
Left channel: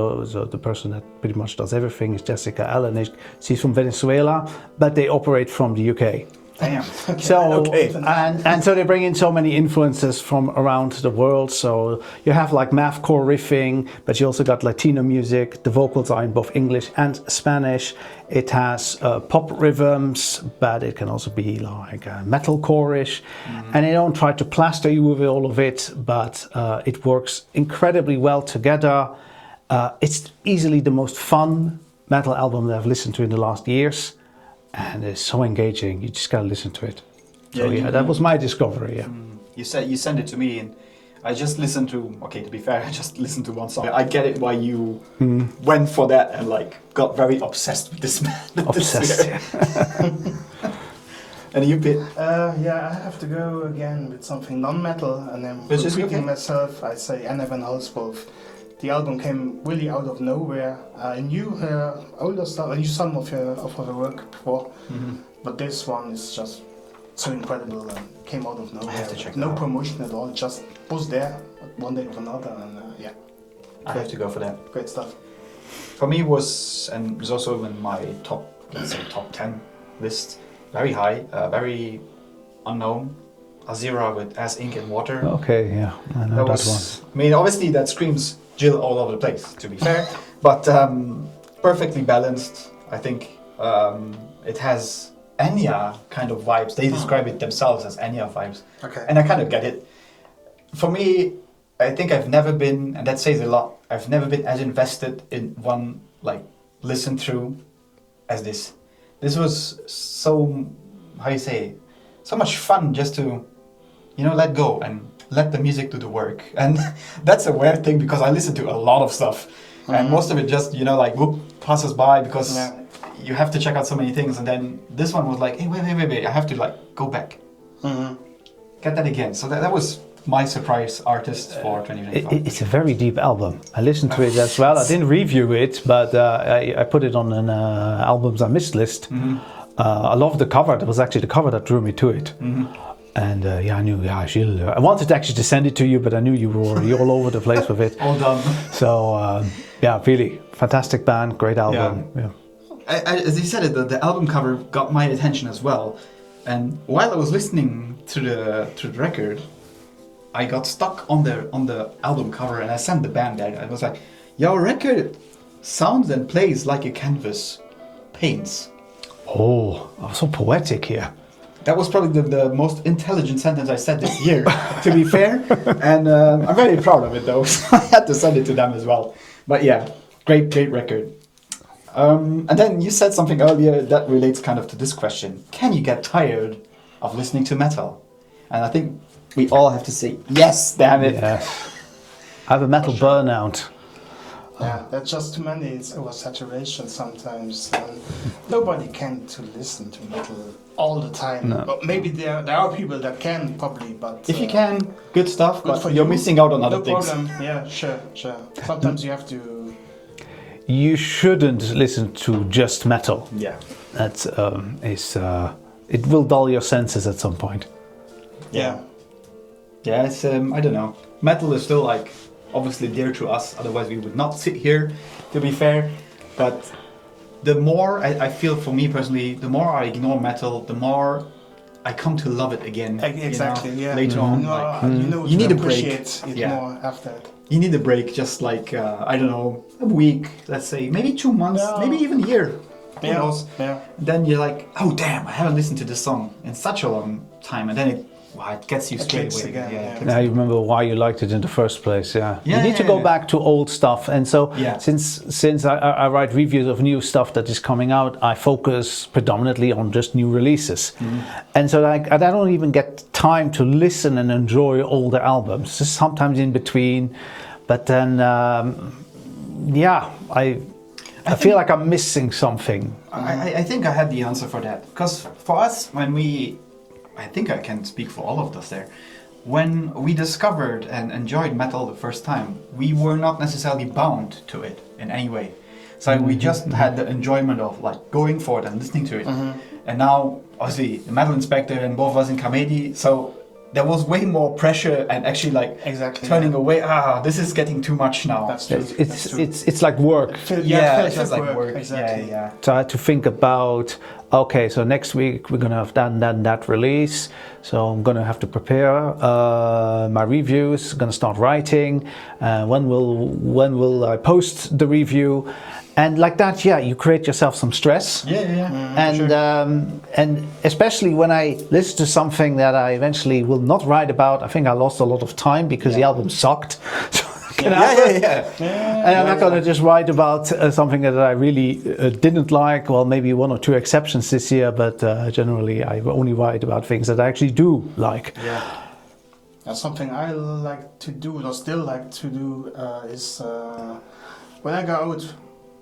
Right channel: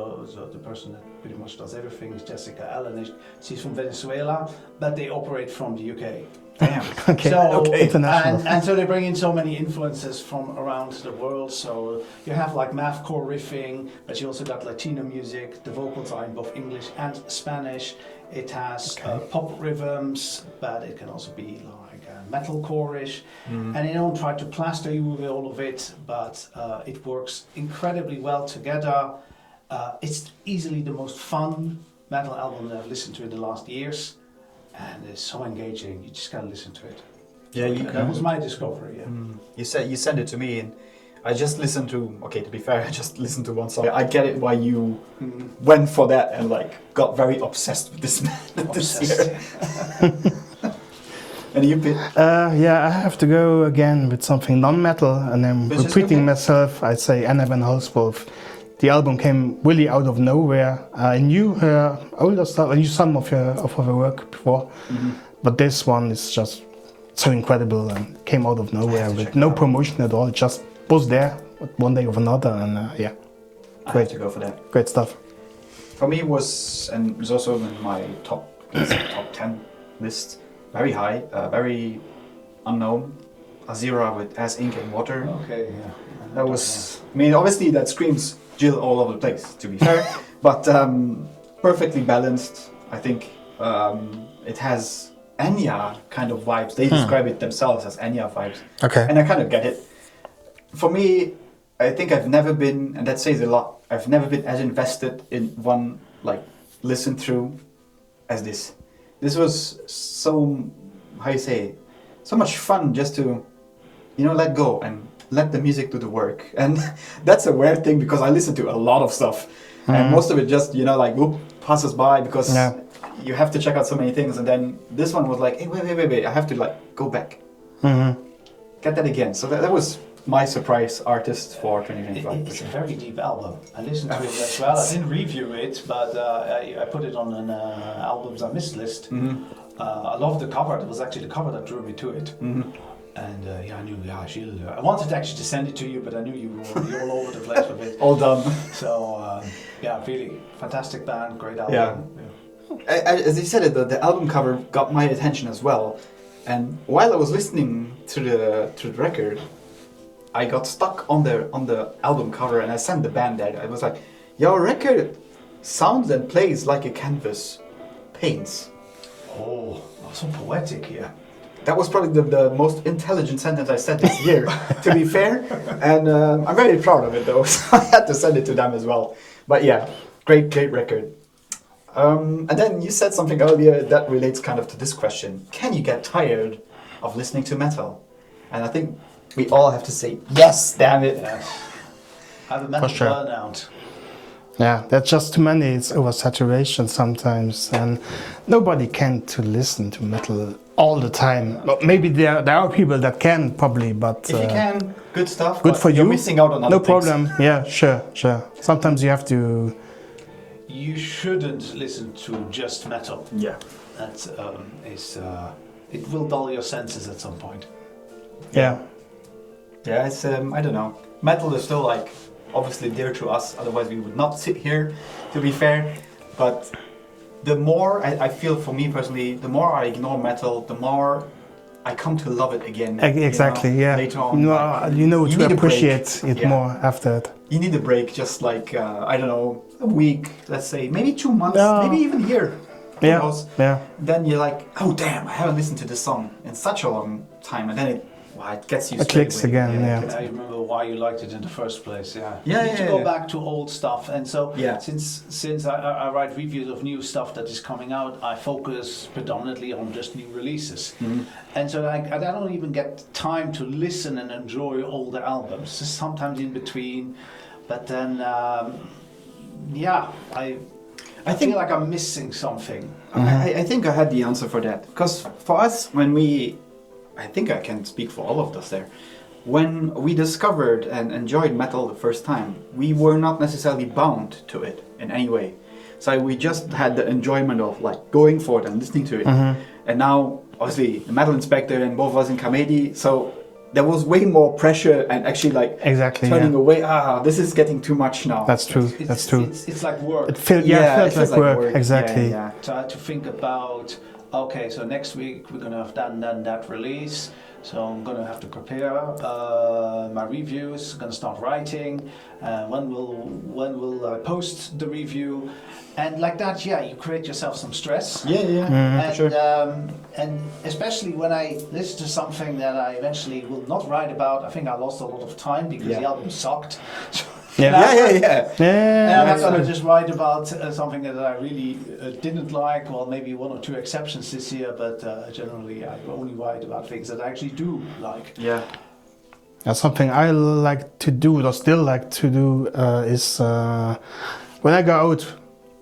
the person that pretty much does everything is Jessica Allen. She's from Venezuela, but they operate from the UK. Damn. Okay. So, International. and so they bring in so many influences from around the world. So you have like mathcore riffing, but you also got Latino music. The vocals are in both English and Spanish. It has pop rhythms, but it can also be like metalcore-ish. And they don't try to plaster you with all of it, but it works incredibly well together. It's easily the most fun metal album that I've listened to in the last years. And it's so engaging. You just gotta listen to it. So, that was my discovery. Yeah. You sent it to me, and I just listened to. Okay, to be fair, I just listened to one song. I get it why you went for that and like got very obsessed with this man. Obsessed. And you bit. Yeah, I have to go again with something non-metal, and I'm Which is repeating okay. myself. I say Anna Van Halswolf. The album came really out of nowhere. I knew her older stuff. I knew some of her work before, but this one is just so incredible and came out of nowhere with no promotion at all. It just was there one day of another, and yeah, I have to go for that. great stuff. For me was, and was also in my top 10 list. Very high, very unknown. Azira with As Ink and Water. Okay, yeah. I know That was, I mean, obviously that screams Jill all over the place, to be fair, but perfectly balanced. I think it has Enya kind of vibes. They describe it themselves as Enya vibes. Okay. And I kind of get it. For me, I think I've never been, and that says a lot, I've never been as invested in one, like, listen through as this. This was so, how you say, so much fun just to, let go and let the music do the work. And that's a weird thing because I listen to a lot of stuff. And most of it just, like, whoop, passes by because you have to check out so many things. And then this one was like, hey, wait, I have to, like, go back. Get that again. So that was my surprise artist for 2025. It's a very deep album. I listened to it as well. I didn't review it, but I put it on an albums I missed list. I love the cover. It was actually the cover that drew me to it. And I knew, Gilles. I wanted actually to send it to you, but I knew you were already all over the place with it. All done. So, really fantastic band, great album. Yeah. As you said it, the album cover got my attention as well. And while I was listening to the record, I got stuck on the album cover, and I sent the band that. I was like, "Your record sounds and plays like a canvas paints." Oh, so poetic here. That was probably the most intelligent sentence I said this year, to be fair. And I'm very proud of it, though. So I had to send it to them as well. But yeah, great record. And then you said something earlier that relates kind of to this question. Can you get tired of listening to metal? And I think we all have to say, yes, damn it. Yes. I have a metal burnout. Yeah, that's just too many. It's oversaturation sometimes, and nobody can to listen to metal all the time. No. But maybe there are people that can probably, but If you can, good stuff. good but for you're you. missing out on other no things. problem. Yeah, sure. Sometimes you have to. You shouldn't listen to just metal. Yeah. That's it will dull your senses at some point. Yeah. Yeah, it's I don't know. Metal is still like obviously dear to us. Otherwise, we would not sit here. To be fair, but the more I feel, for me personally, the more I ignore metal, the more I come to love it again. Exactly. Yeah. Later on, you you need to a break. appreciate it more after it. You need a break, just like I don't know, a week, let's say, maybe 2 months, No. maybe even a year. Who knows? Yeah. Then you're like, oh damn, I haven't listened to this song in such a long time, and then it gets you It straight clicks away. again, it yeah. clicks Now you again. remember why you liked it in the first place. Yeah. Yeah, You need to yeah, go yeah. back to old stuff, and so Yeah. since I write reviews of new stuff that is coming out, I focus predominantly on just new releases, and so I don't even get time to listen and enjoy older albums. Just sometimes in between, but then I feel like I'm missing something. I think I had the answer for that. Because for us, I think I can speak for all of us there, when we discovered and enjoyed metal the first time, we were not necessarily bound to it in any way. So we just had the enjoyment of like going for it and listening to it. And now, obviously, the Metal Inspector and both of us in Kamedi, so there was way more pressure and actually like turning away. This is getting too much now. That's true. It's like work. It feels it like feels like work. Exactly. Yeah. So I had to think about okay, so next week we're gonna have that release. So I'm gonna have to prepare my reviews. Gonna start writing. When will I post the review? And like that, yeah, you create yourself some stress. And especially when I listen to something that I eventually will not write about, I think I lost a lot of time because the album sucked. And I'm not going to just write about something that I really didn't like. Well, maybe one or two exceptions this year, but generally I only write about things that I actually do like. Yeah. Something I like to do, or still like to do, is when I go out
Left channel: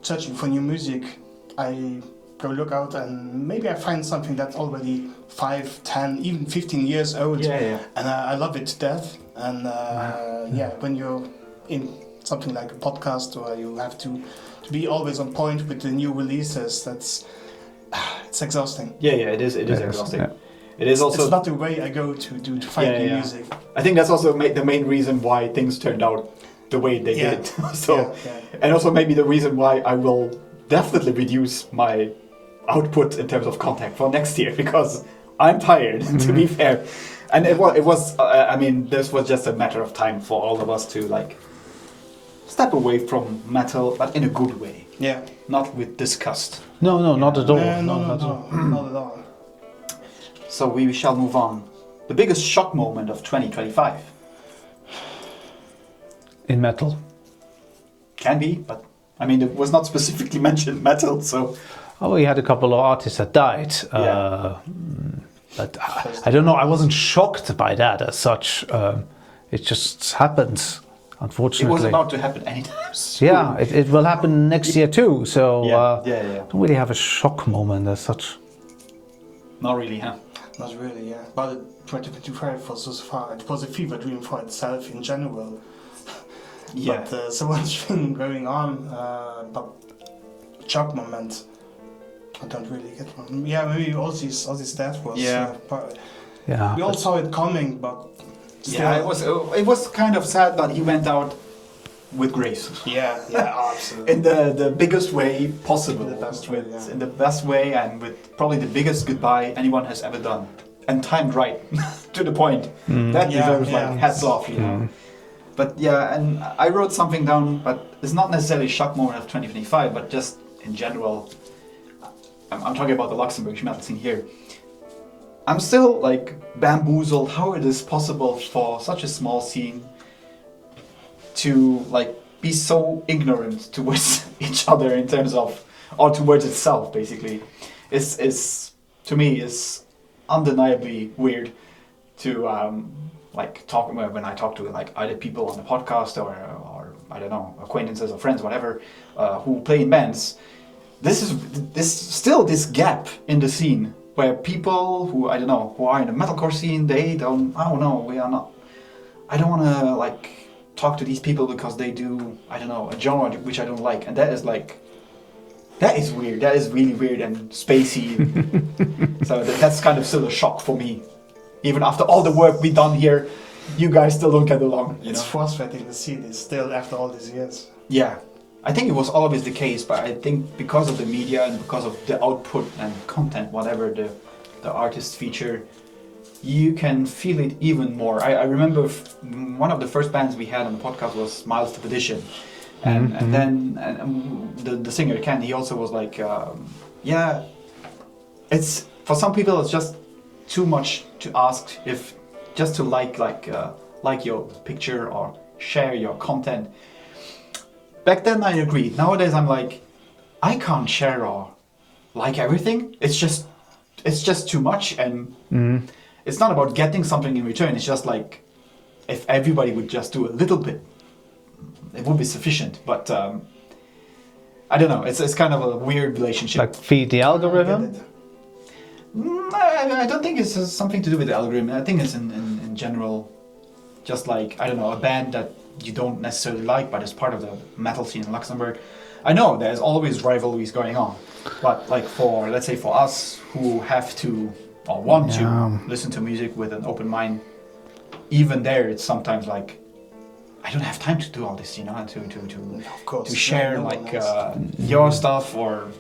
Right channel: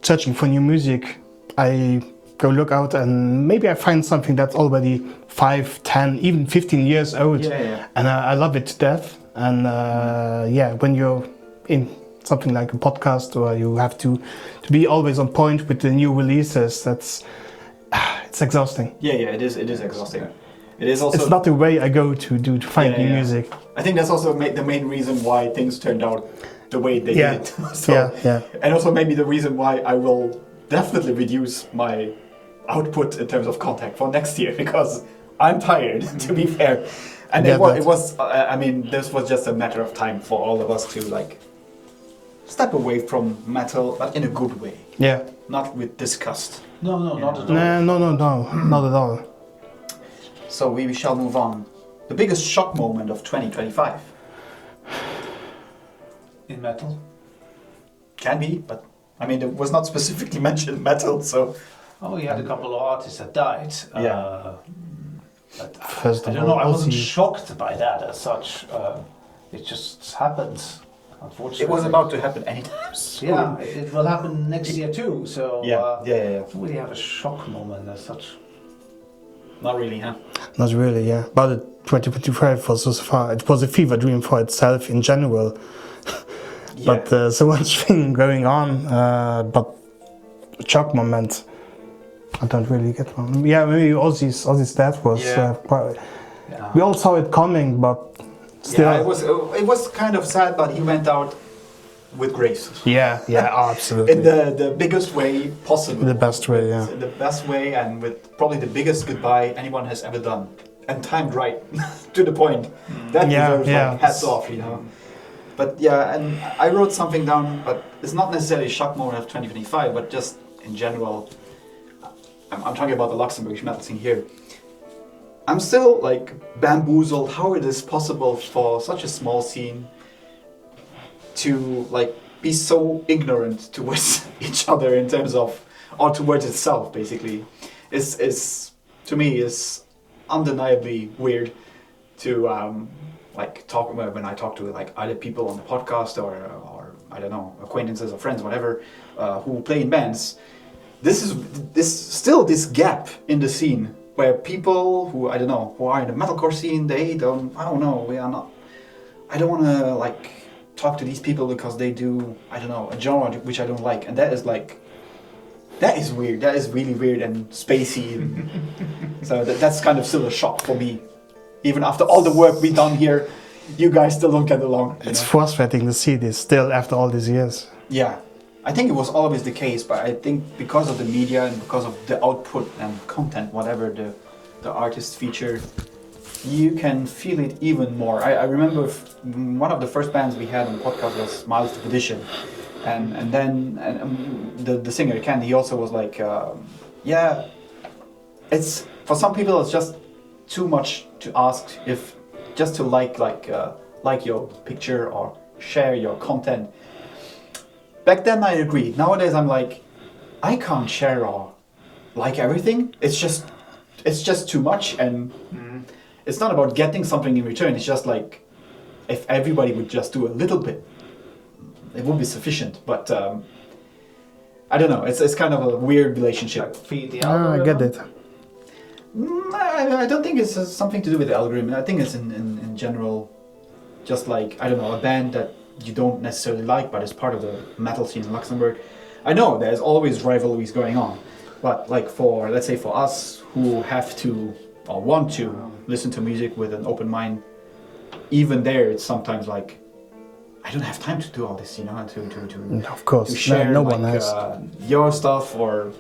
searching for new music, I go look out and maybe I find something that's already 5, 10, even 15 years old. And I love it to death. And when you're in something like a podcast where you have to be always on point with the new releases, it's exhausting. It is exhausting. Yeah. It is also. It's not the way I go to find new music. I think that's also the main reason why things turned out the way they did. And also maybe the reason why I will definitely reduce my output in terms of content for next year, because I'm tired, to be fair. And it was I mean, this was just a matter of time for all of us to like step away from metal, but in a good way. Yeah. Not with disgust. No, not at all. No, not at all. So we shall move on. The biggest shock moment of 2025. In metal? Can be, but I mean, it was not specifically mentioned metal, so. Oh, we had a couple of artists that died. But I don't know, I wasn't shocked by that as such. It just happened, unfortunately. It was about to happen anytime soon. Yeah, it will happen next year too. So I don't really have a shock moment as such. Not really, huh? Not really, yeah. But 2025 was so far, it was a fever dream for itself in general. But so much thing going on, but shock moment, I don't really get one. Yeah, maybe Ozzy's death was. We all saw it coming, but still. Yeah, it was kind of sad, but he went out with grace. Yeah, absolutely. In the biggest way possible. In the best way, yeah. In the best way, and with probably the biggest goodbye anyone has ever done, and timed right to the point. That deserves like hats off, you know. But yeah, and I wrote something down, but it's not necessarily a shock moment of 2025, but just in general. I'm talking about the Luxembourg metal scene here. I'm still like bamboozled how it is possible for such a small scene to like be so ignorant towards each other in terms of, or towards itself basically. It's to me is undeniably weird to like talk when I talk to like either people on the podcast or I don't know, acquaintances or friends, whatever, who play in bands. This gap in the scene where people who I don't know who are in the metalcore scene, I don't know, I don't want to like talk to these people because they do I don't know a genre which I don't like, and that is weird. That is really weird and spacey. So that's kind of still a shock for me. Even after all the work we've done here, you guys still don't get along. It's frustrating to see this still after all these years. Yeah, I think it was always the case, but I think because of the media and because of the output and content, whatever the artists feature, you can feel it even more. I remember one of the first bands we had on the podcast was Miles Edition. And then the singer Ken, he also was like, it's for some people it's just too much to ask if just to like your picture or share your content. Back then I agreed. Nowadays I'm like, I can't share or like everything. It's just too much, and it's not about getting something in return. It's just like if everybody would just do a little bit, it would be sufficient, but I don't know. It's kind of a weird relationship. Like feed the algorithm. I get it. I don't think it's something to do with the algorithm. I think it's in general, just like I don't know, a band that you don't necessarily like, but it's part of the metal scene in Luxembourg. I know there's always rivalries going on, but like let's say for us who have to or want to listen to music with an open mind, even there it's sometimes like, I don't have time to do all this, you know, of course, to share your stuff, or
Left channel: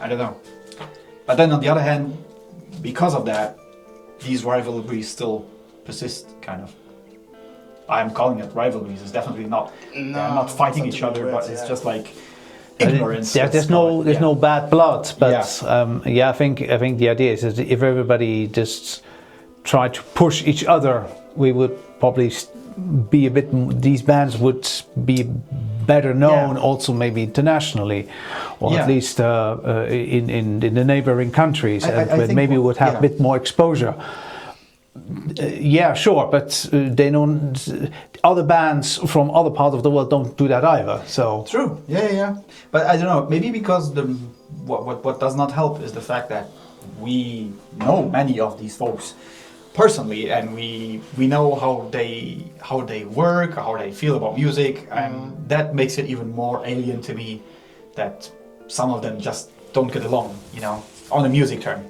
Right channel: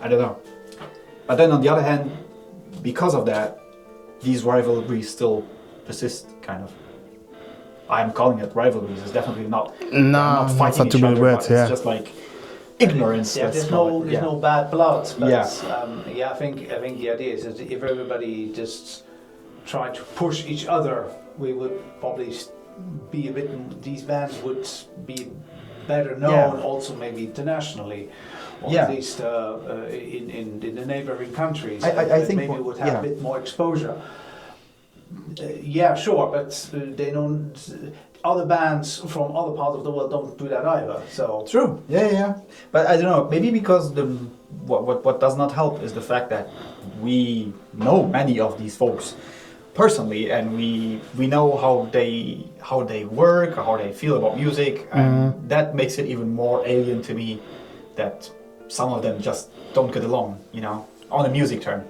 I don't know. But then on the other hand, because of that, these rivalries still persist, kind of. I'm calling it rivalries. It's definitely not. They're not fighting not each to be other, weird, but it's just like ignorance. Yeah, let's there's call it. no bad blood, but Yeah. I think the idea is that if everybody just tried to push each other, we would probably be a bit. These bands would be better known, also maybe internationally, or at least in the neighboring countries. I think maybe we would have a bit more exposure. Yeah, sure, but they don't. Other bands from other parts of the world don't do that either. So True. Yeah. But I don't know. Maybe because what does not help is the fact that we know many of these folks personally, and we know how they work, how they feel about music, and that makes it even more alien to me that some of them just don't get along. On a music term.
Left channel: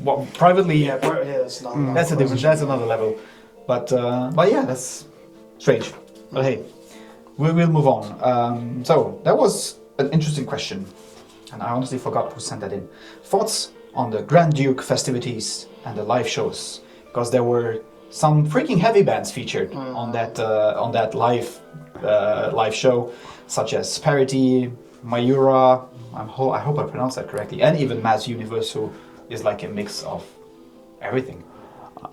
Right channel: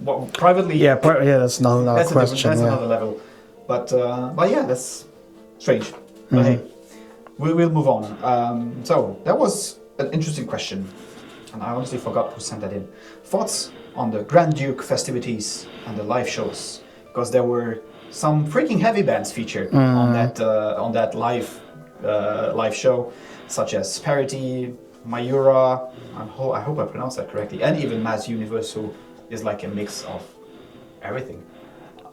Well, privately, that's another that's a different. question, That's another level. But yeah, that's strange. But hey, we will move on. So that was an interesting question, and I honestly forgot who sent that in. Thoughts on the Grand Duke festivities and the live shows, because there were some freaking heavy bands featured on that live show, such as Parity, Mayura. I hope I pronounced that correctly, and even Mass Universe, who is like a mix of everything.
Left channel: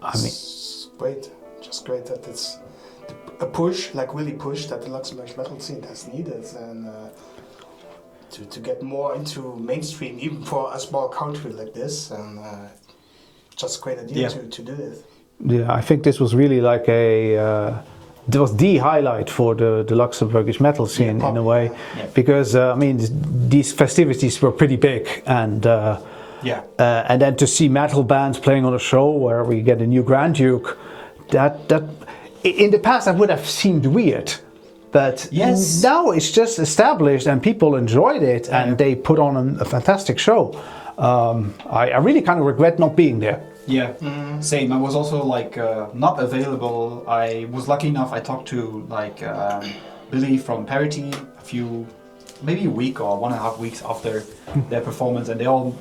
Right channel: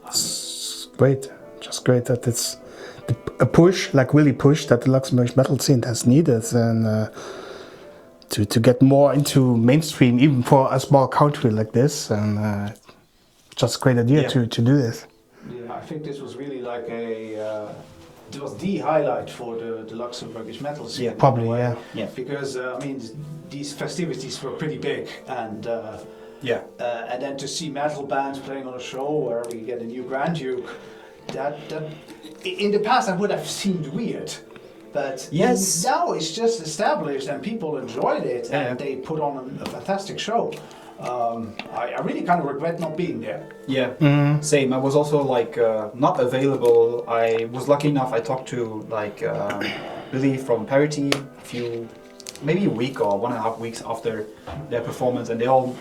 I mean, it's great, just great that it's a push, like really push, that the Luxembourg metal scene has needed, and to get more into mainstream, even for a small country like this, and just a great idea to do this. Yeah, I think this was really like it was the highlight for the Luxembourgish metal scene in a way, because I mean these festivities were pretty big, and and then to see metal bands playing on a show where we get a new Grand Duke, that in the past I would have seemed weird, but now it's just established and people enjoyed it, and they put on a fantastic show. I really kind of regret not being there. Yeah, same. I was also like not available. I was lucky enough. I talked to like Billy from Parity maybe a week or 1.5 weeks after their performance, and they all.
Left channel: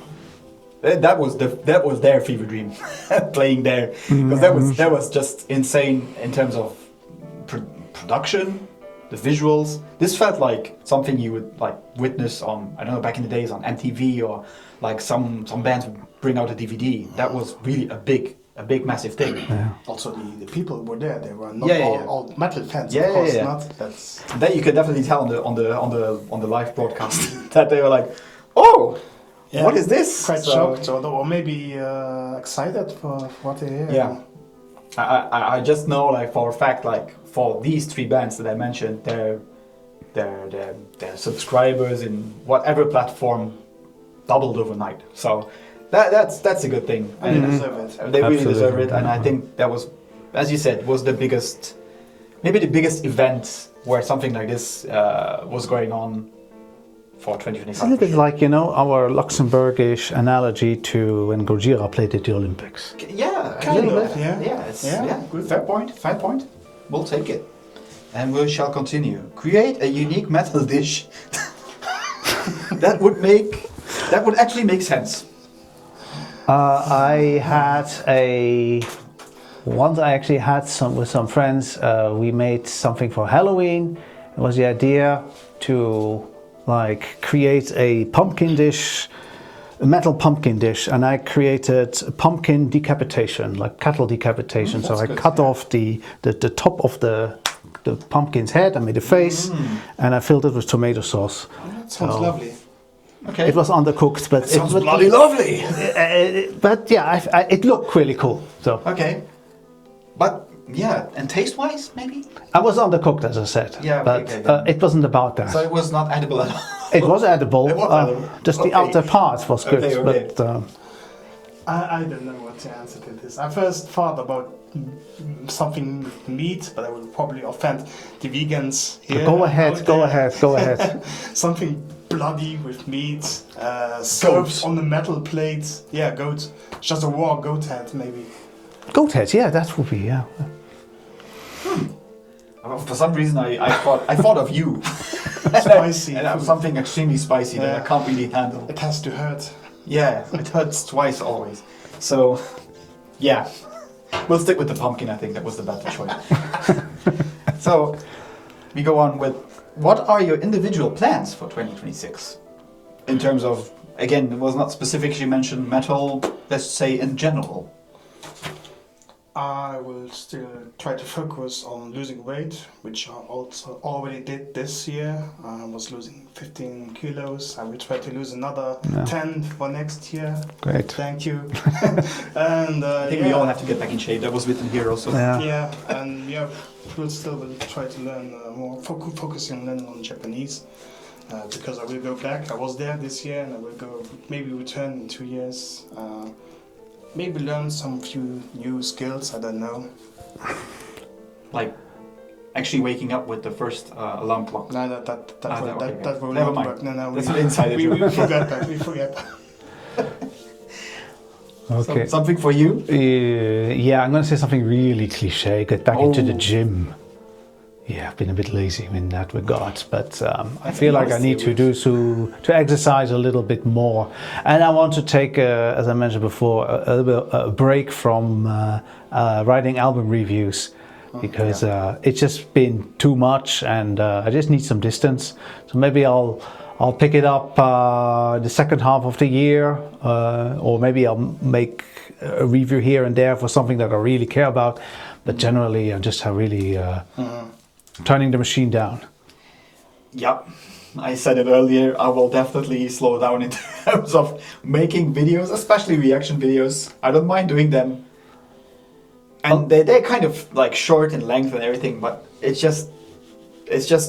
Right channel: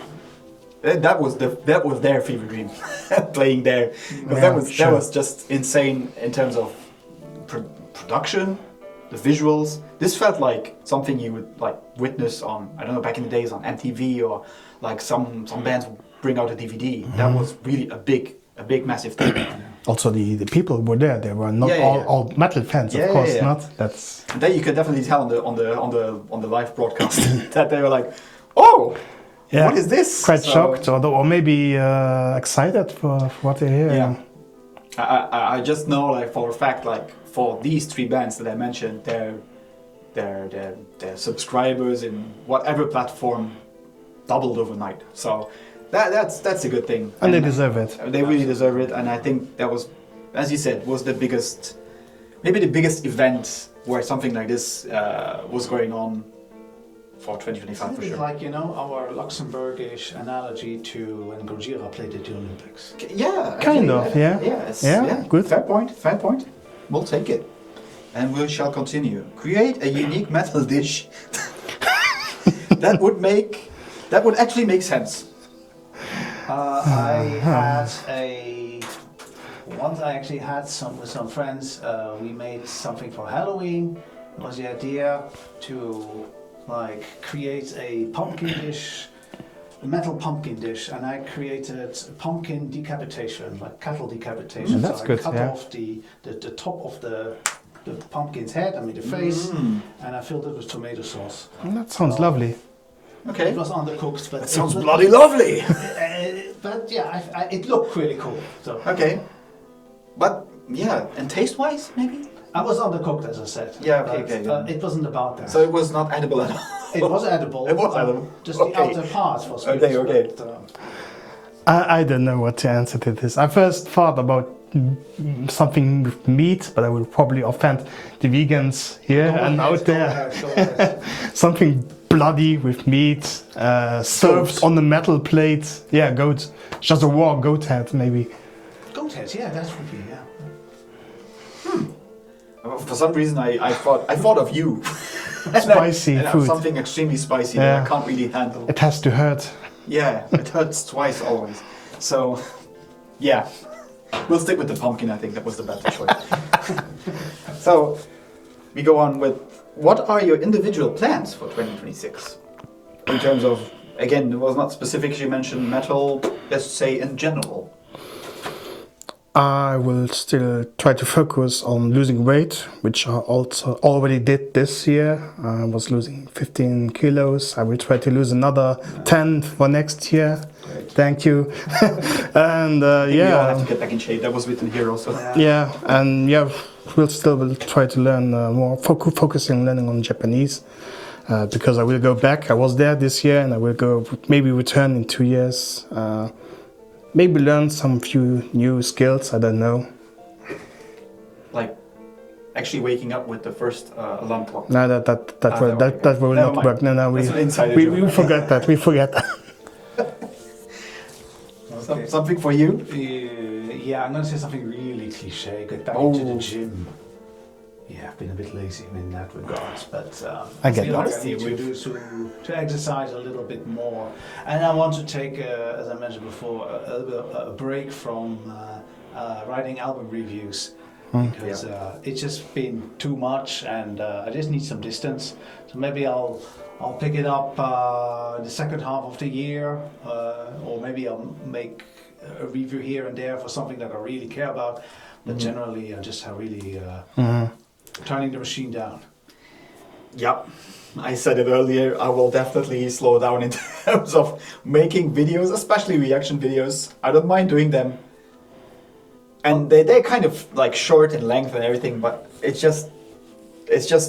That was their fever dream, playing there, because that was just insane in terms of production, the visuals. This felt like something you would like witness on, I don't know, back in the days on MTV, or like some bands would bring out a DVD. That was really a big massive thing. Also, the people who were there, they were not all metal fans, of course not. That's that you could definitely tell on the live broadcast that they were like, oh. Yeah. What is this? Quite shocked, or maybe excited for what they hear. Yeah, I just know, like for a fact, like for these 3 bands that I mentioned, their subscribers in whatever platform doubled overnight. So that's a good thing. And they deserve it. They really deserve it, and I think that was, as you said, was the biggest event where something like this was going on. For 2025. Isn't it like, our Luxembourgish analogy to when Gojira played at the Olympics? Yeah, kind of. Yeah, good. Fair point. We'll take it, and we shall continue. Create a unique metal dish that would actually make sense. I actually had some with some friends. We made something for Halloween. It was the idea to create a pumpkin dish, a metal pumpkin dish, and I created a pumpkin decapitation, like cattle decapitation. So I cut off the top of the pumpkin's head. I made a face, and I filled it with tomato sauce. That sounds lovely. Okay. It was undercooked, but it sounds bloody lovely. But yeah, it looked really cool. So okay, but yeah, and taste-wise, maybe. I was undercooked, as I said. Yeah, but okay. It wasn't about that. So it was not edible at all. It was edible. It was edible. Just the outer part was good. Okay. But, I don't know what to answer to this. I first thought about something with meat, but I will probably offend the vegans here. Go ahead. Something bloody with meat, served on the metal plate. Yeah, goat. Just a raw goat head, maybe. Goat head, yeah, that would be, yeah. For some reason, I thought of you. Spicy and food. Something extremely spicy that I can't really handle. It has to hurt. Yeah, it hurts twice always. So, yeah, we'll stick with the pumpkin. I think that was the better choice. So, we go on with, what are your individual plans for 2026? In terms of, again, it was not specifically mentioned metal, let's say in general. I will still try to focus on losing weight, which I also already did this year. I was losing 15 kilos. I will try to lose another 10 for next year. Great. Thank you. And I think we all have to get back in shape. That was written here also. Yeah, and will try to learn more, focus in learning on Japanese. Because I will go back. I was there this year, and I will go, maybe return in 2 years. Maybe learn some few new skills, I don't know. Like actually waking up with the first alarm clock. No, that will Never not mind. work. No, That's an insider joke. we forget that. We forget that. Okay. Something for you? Yeah, I'm going to say something really cliche. Get back into the gym. Yeah, I've been a bit lazy in that regard, but I feel like I need to exercise a little bit more, and I want to take, as I mentioned before, a break from writing album reviews, because it's just been too much, and I just need some distance. So maybe I'll pick it up the second half of the year, or maybe I'll make a review here and there for something that I really care about. But generally, I just have really. Turning the machine down. Yep. I said it earlier, I will definitely slow down in terms of making videos, especially reaction videos. I don't mind doing them. And they're kind of like short in length and everything, but it's just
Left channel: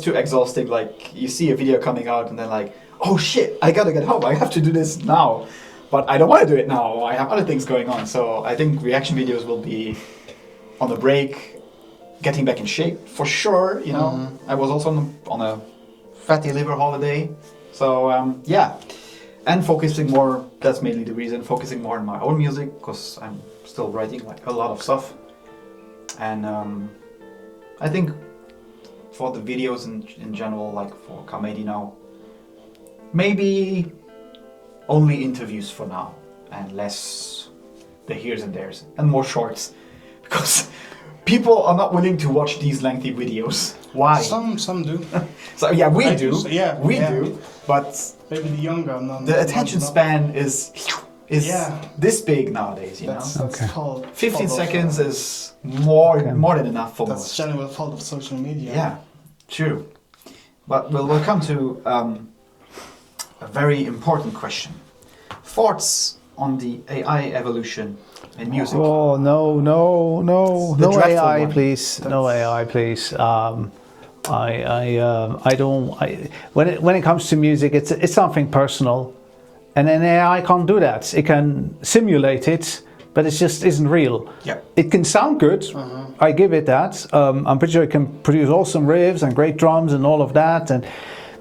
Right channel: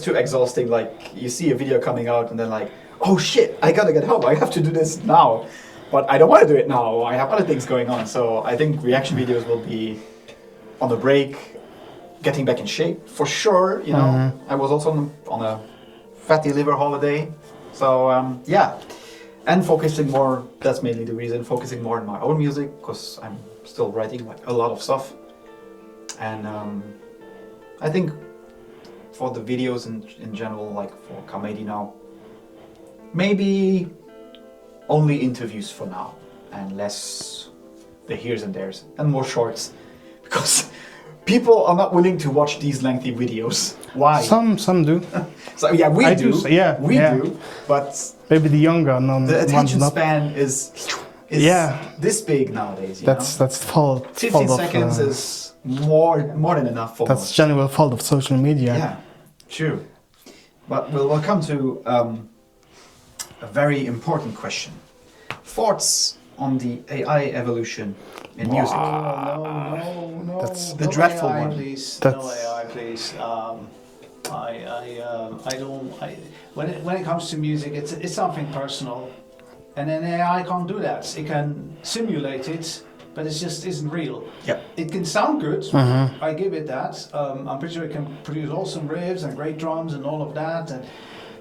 too exhausting. Like you see a video coming out and then like, oh shit, I gotta get home. I have to do this now. But I don't want to do it now. I have other things going on. So I think reaction videos will be on the break. Getting back in shape for sure, you know. I was also on a fatty liver holiday, so yeah, and focusing more. That's mainly the reason. Focusing more on my own music, because I'm still writing like a lot of stuff, and I think for the videos in general, like for Comedy now, maybe only interviews for now, and less the here's and there's, and more shorts, because. People are not willing to watch these lengthy videos. Why? Some do. So yeah, we I do. We do. But maybe the younger, the attention span is this big nowadays. That's fault. 15 seconds is more than enough for most. That's general fault of social media. Yeah, true. But we'll come to a very important question. Thoughts on the AI evolution in music? Oh no! That's the no dreadful AI, one. please. No AI, please. I don't. When it comes to music, it's something personal, and an AI can't do that. It can simulate it, but it just isn't real. Yep. It can sound good. I give it that. I'm pretty sure it can produce awesome riffs and great drums and all of that,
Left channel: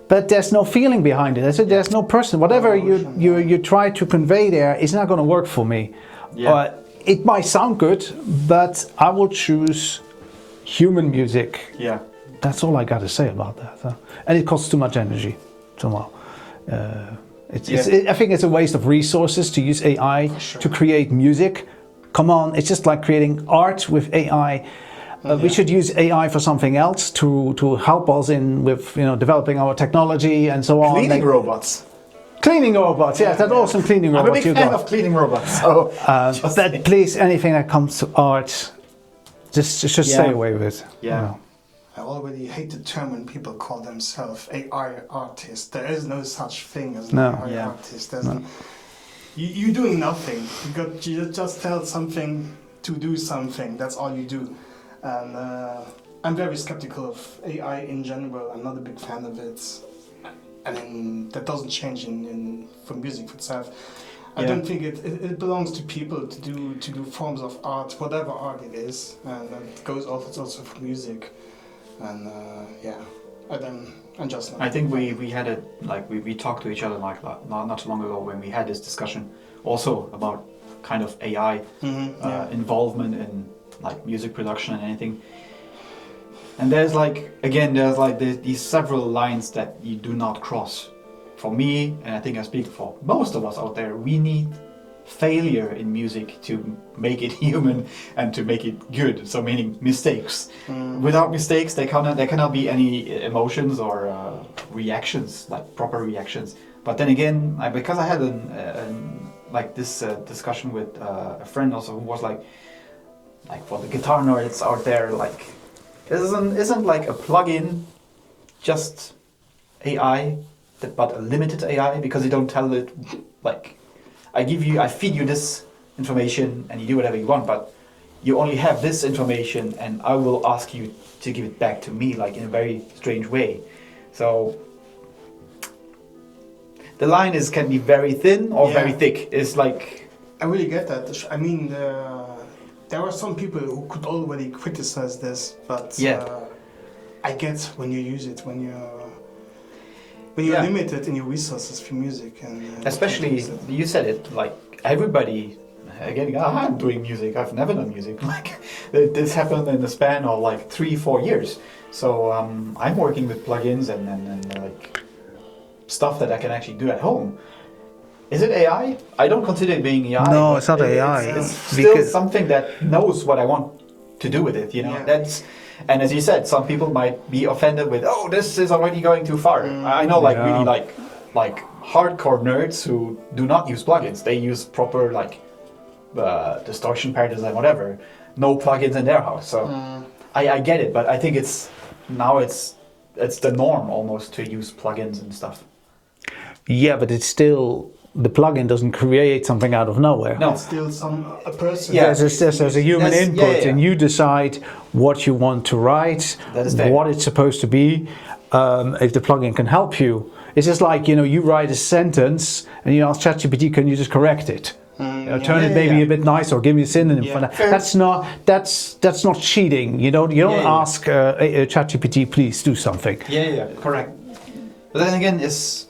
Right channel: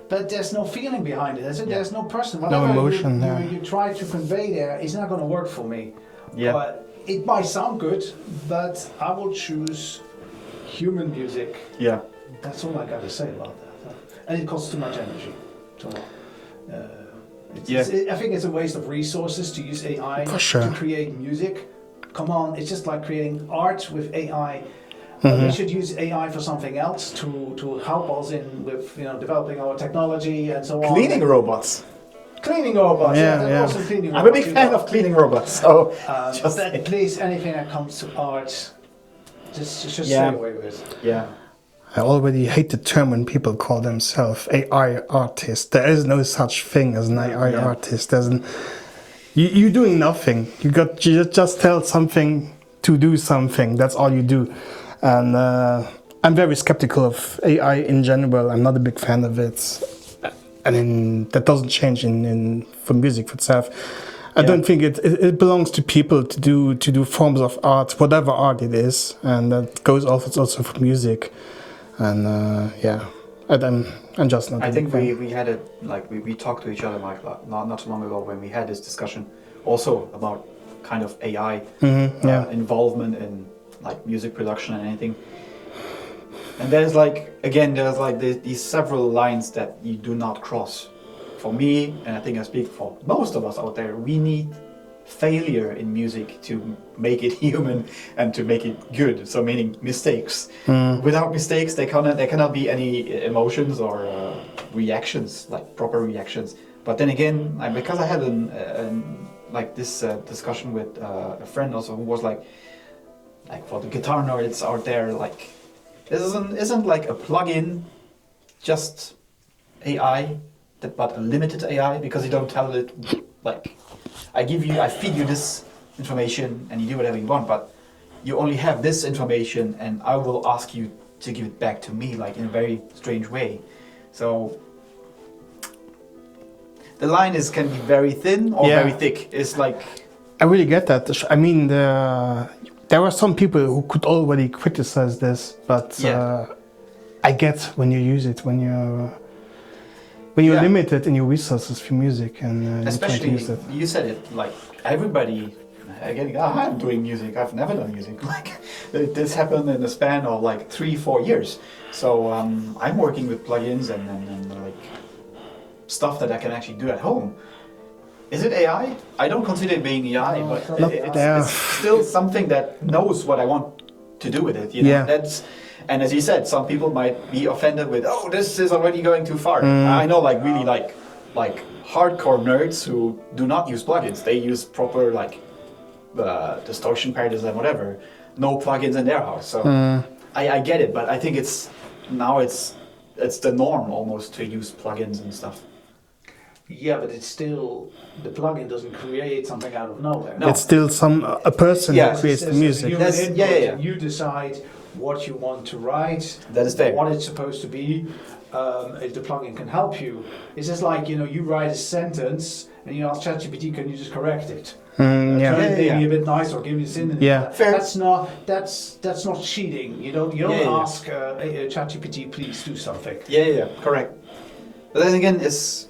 but there's no feeling behind it. There's no person. Whatever emotion, you try to convey there is not going to work for me. Yeah. It might sound good, but I will choose human music. Yeah. That's all I got to say about that. And it costs too much energy. I think it's a waste of resources to use AI to create music. Come on, it's just like creating art with AI. We should use AI for something else to help us with developing our technology and so on. Cleaning robots. Cleaning robots, awesome cleaning robots. I'm a big fan of cleaning robots. So, but please, anything that comes to art, just stay away with. Yeah. I already hate the term when people call themselves AI artist. There is no such thing as an AI artist. You're doing nothing. You just tell something to do something. That's all you do. And I'm very skeptical of AI in general. I'm not a big fan of it. And that doesn't change for music itself. I don't think it belongs to people to do forms of art, whatever art it is, and that goes also for music. And I'm just not. I think we had it like we talked to each other like not too long ago when we had this discussion also about kind of AI involvement in like music production and anything. And there's these several lines that you do not cross for me, and I think I speak for most of us out there, we need failure in music to make it human and to make it good. So meaning mistakes. Without mistakes, there cannot be any emotions or reactions, like proper reactions. But then again, because I had this discussion with a friend also who was like for the guitar nerds out there, like this isn't like a plugin, just AI, but a limited AI, because you don't tell it like I feed you this information and you do whatever you want, but you only have this information and I will ask you to give it back to me, like in a very strange way. So the line can be very thin or very thick. It's like, I really get that. I mean, there are some people who could already criticize this, but I get when you use it, when you're limited in your resources for music, and especially you said it, like everybody. Again, I'm doing music. I've never done music. Like this happened in the span of like 3-4 years. So I'm working with plugins and like stuff that I can actually do at home. Is it AI? I don't consider it being AI. No, it's not AI. It's still something that knows what I want to do with it. You know, and as you said, some people might be offended with, "Oh, this is already going too far." I know, really like hardcore nerds who do not use plugins. They use proper distortion paddles and whatever. No plugins in their house. So I get it, but I think it's the norm almost to use plugins and stuff. Yeah, but it's still, the plugin doesn't create something out of nowhere. No. It's still a person. Yeah, there's a human input, and you decide what you want to write, that is fair. What it's supposed to be. If the plugin can help you, it's just like, you write a sentence and you ask ChatGPT, can you just correct it? Turn it maybe a bit nice, or give me a synonym. Yeah. That's not cheating. You don't ask ChatGPT, please do something. Yeah, correct. But then again, it's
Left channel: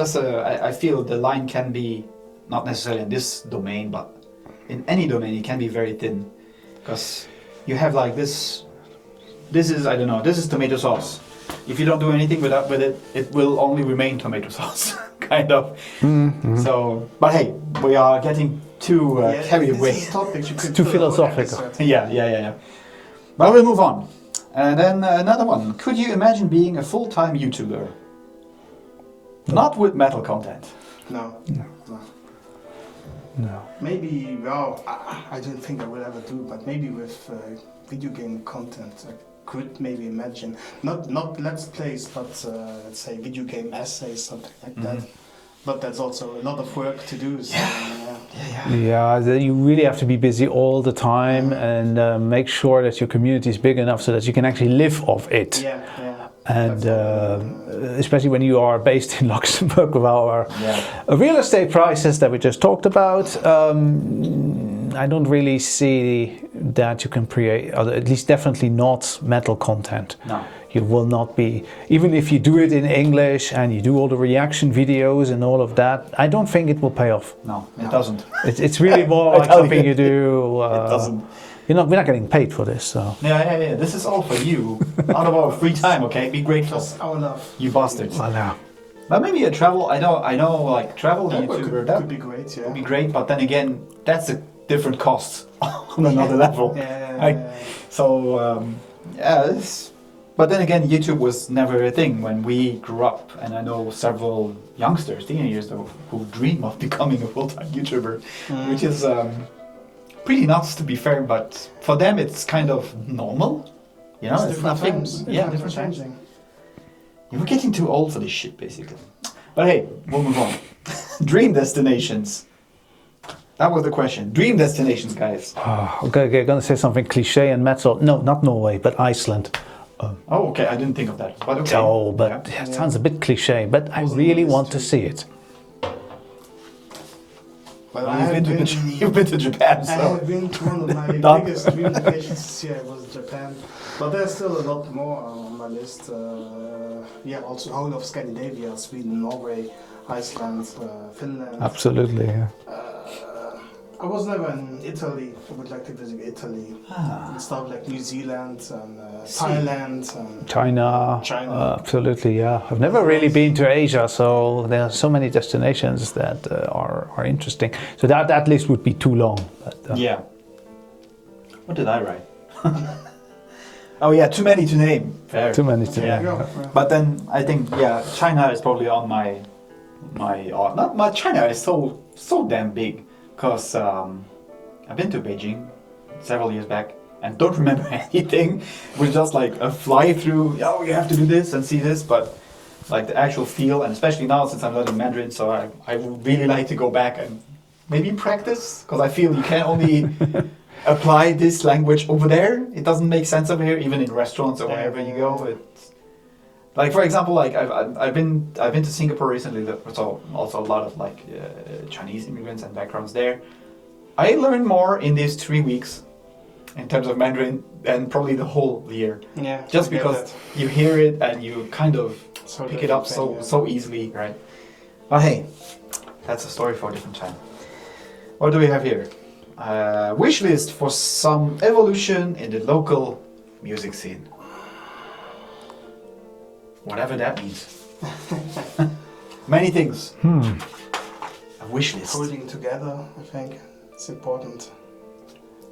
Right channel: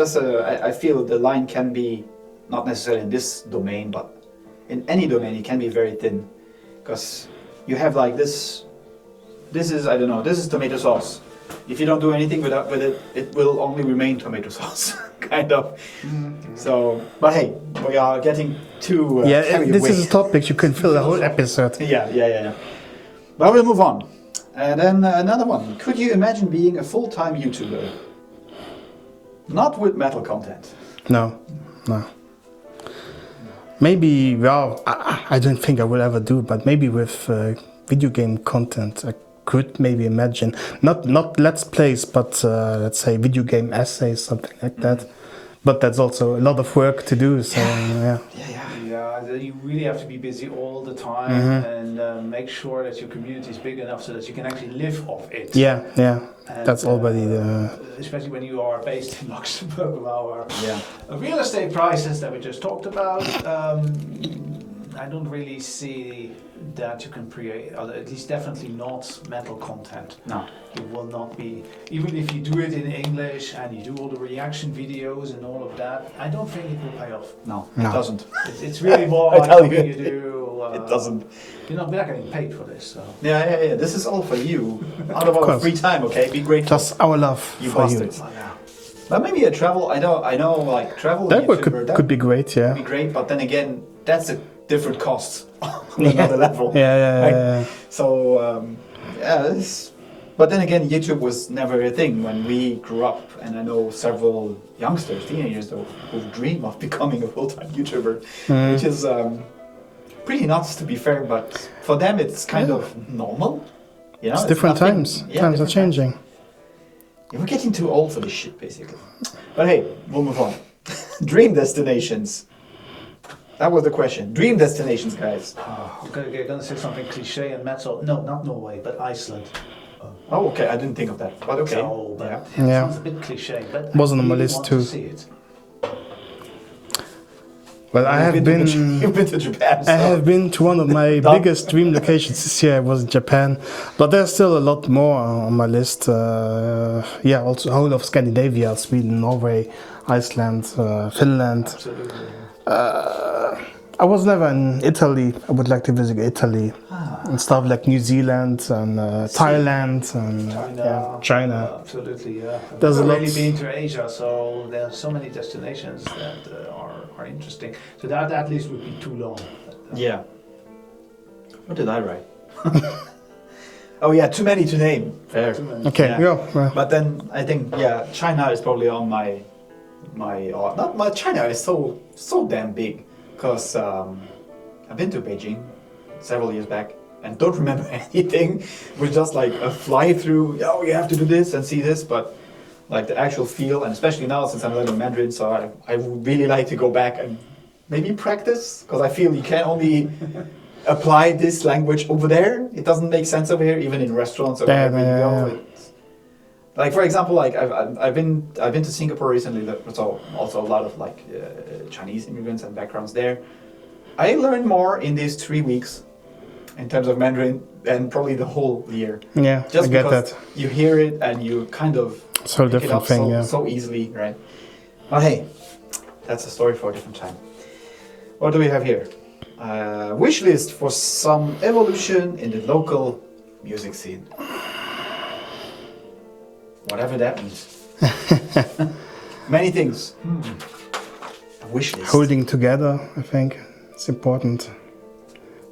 just I feel the line can be, not necessarily in this domain, but in any domain, it can be very thin, because you have like this is tomato sauce. If you don't do anything with it, it will only remain tomato sauce, kind of. Mm-hmm. So, but hey, we are getting too carried away. This is a topic you could fill a whole episode. Yeah. But we'll move on. And then another one. Could you imagine being a full-time YouTuber? Not with metal content. No. Maybe, I don't think I will ever do, but maybe with video game content, I could maybe imagine. Not let's plays, but let's say video game essays, something like that. But that's also a lot of work to do. So, Yeah, you really have to be busy all the time and make sure that your community is big enough so that you can actually live off it. Yeah. And, that's already especially when you are based in Luxembourg with our real estate prices that we just talked about. I don't really see that you can create, or at least definitely not metal content. No. You will not be, even if you do it in English and you do all the reaction videos and all of that, I don't think it will pay off. No, it doesn't. It's really more like something you do. It doesn't. We're not getting paid for this, so. Yeah. This is all for you. Out of our free time, okay? Be grateful. Just our love. You bastards. Well, but maybe a travel. I know. Like travel that YouTuber. Could be great. Yeah. Could be great, but then again, that's a different cost on another level. Yeah. So but then again, YouTube was never a thing when we grew up, and I know several youngsters, teenagers, though, who dream of becoming a full-time YouTuber, which is pretty nuts, to be fair. But for them, it's kind of normal. You know, it's different times. Times are changing. We're getting too old for this shit, basically. But hey, we'll move on. Dream destinations. That was the question. Dream destinations, guys. I'm gonna say something cliche and metal. No, not Norway, but Iceland. Oh, okay. I didn't think of that. But okay. Oh, but it sounds a bit cliche. But I really want to see it. Well, you've been to Japan. So. I have been to one of my biggest dream locations this year. Was Japan, but there's still a lot more on my list. Also whole of Scandinavia, Sweden, Norway, Iceland, Finland. Absolutely. I was never in Italy. I would like to visit Italy and stuff like New Zealand and Thailand and China. China. Absolutely, yeah. I've There's never really lots- been to Asia, so there are so many destinations that are interesting. So that at least would be too long. But, Yeah. What did I write? Oh yeah, too many to name. Fair. Too many. Okay, Yeah. yeah. Well, But then I think China is probably on my not my China is so damn big because I've been to Beijing several years back and don't remember anything. It was just like a fly through. Oh, you have to do this and see this, but like the actual feel, and especially now since I'm learning Mandarin, so I would really like to go back and maybe practice because I feel you can only apply this language over there. It doesn't make sense over here, even in restaurants or wherever you go. It's, like for example, like I've been to Singapore recently. So also a lot of like Chinese immigrants and backgrounds there. I learned more in these 3 weeks in terms of Mandarin than probably the whole year. yeah, Just I get because that. you hear it and you kind of So pick it different up thing, so easily, right? But hey, that's a story for a different time. What do we have here? Wish list for some evolution in the local music scene. Whatever that means. Many things. A wish list. Holding together, I think it's important.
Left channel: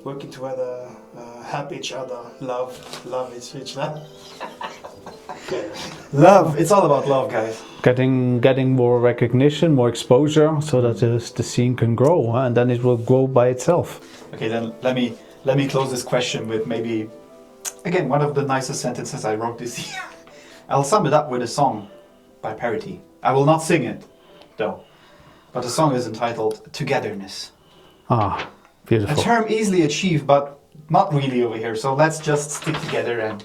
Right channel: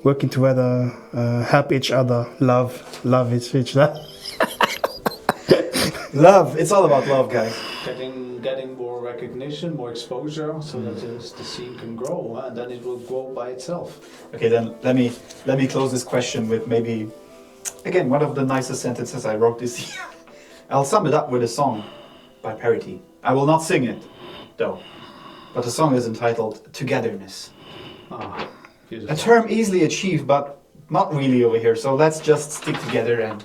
Working together, help each other, love each other. Love. It's all about love, guys. Getting more recognition, more exposure, so that the scene can grow, and then it will grow by itself. Okay, then let me close this question with maybe again one of the nicest sentences I wrote this year. I'll sum it up with a song by Parity. I will not sing it, though. But the song is entitled Togetherness. Ah, A beautiful. term easily achieved, but not really over here. So let's just stick together. And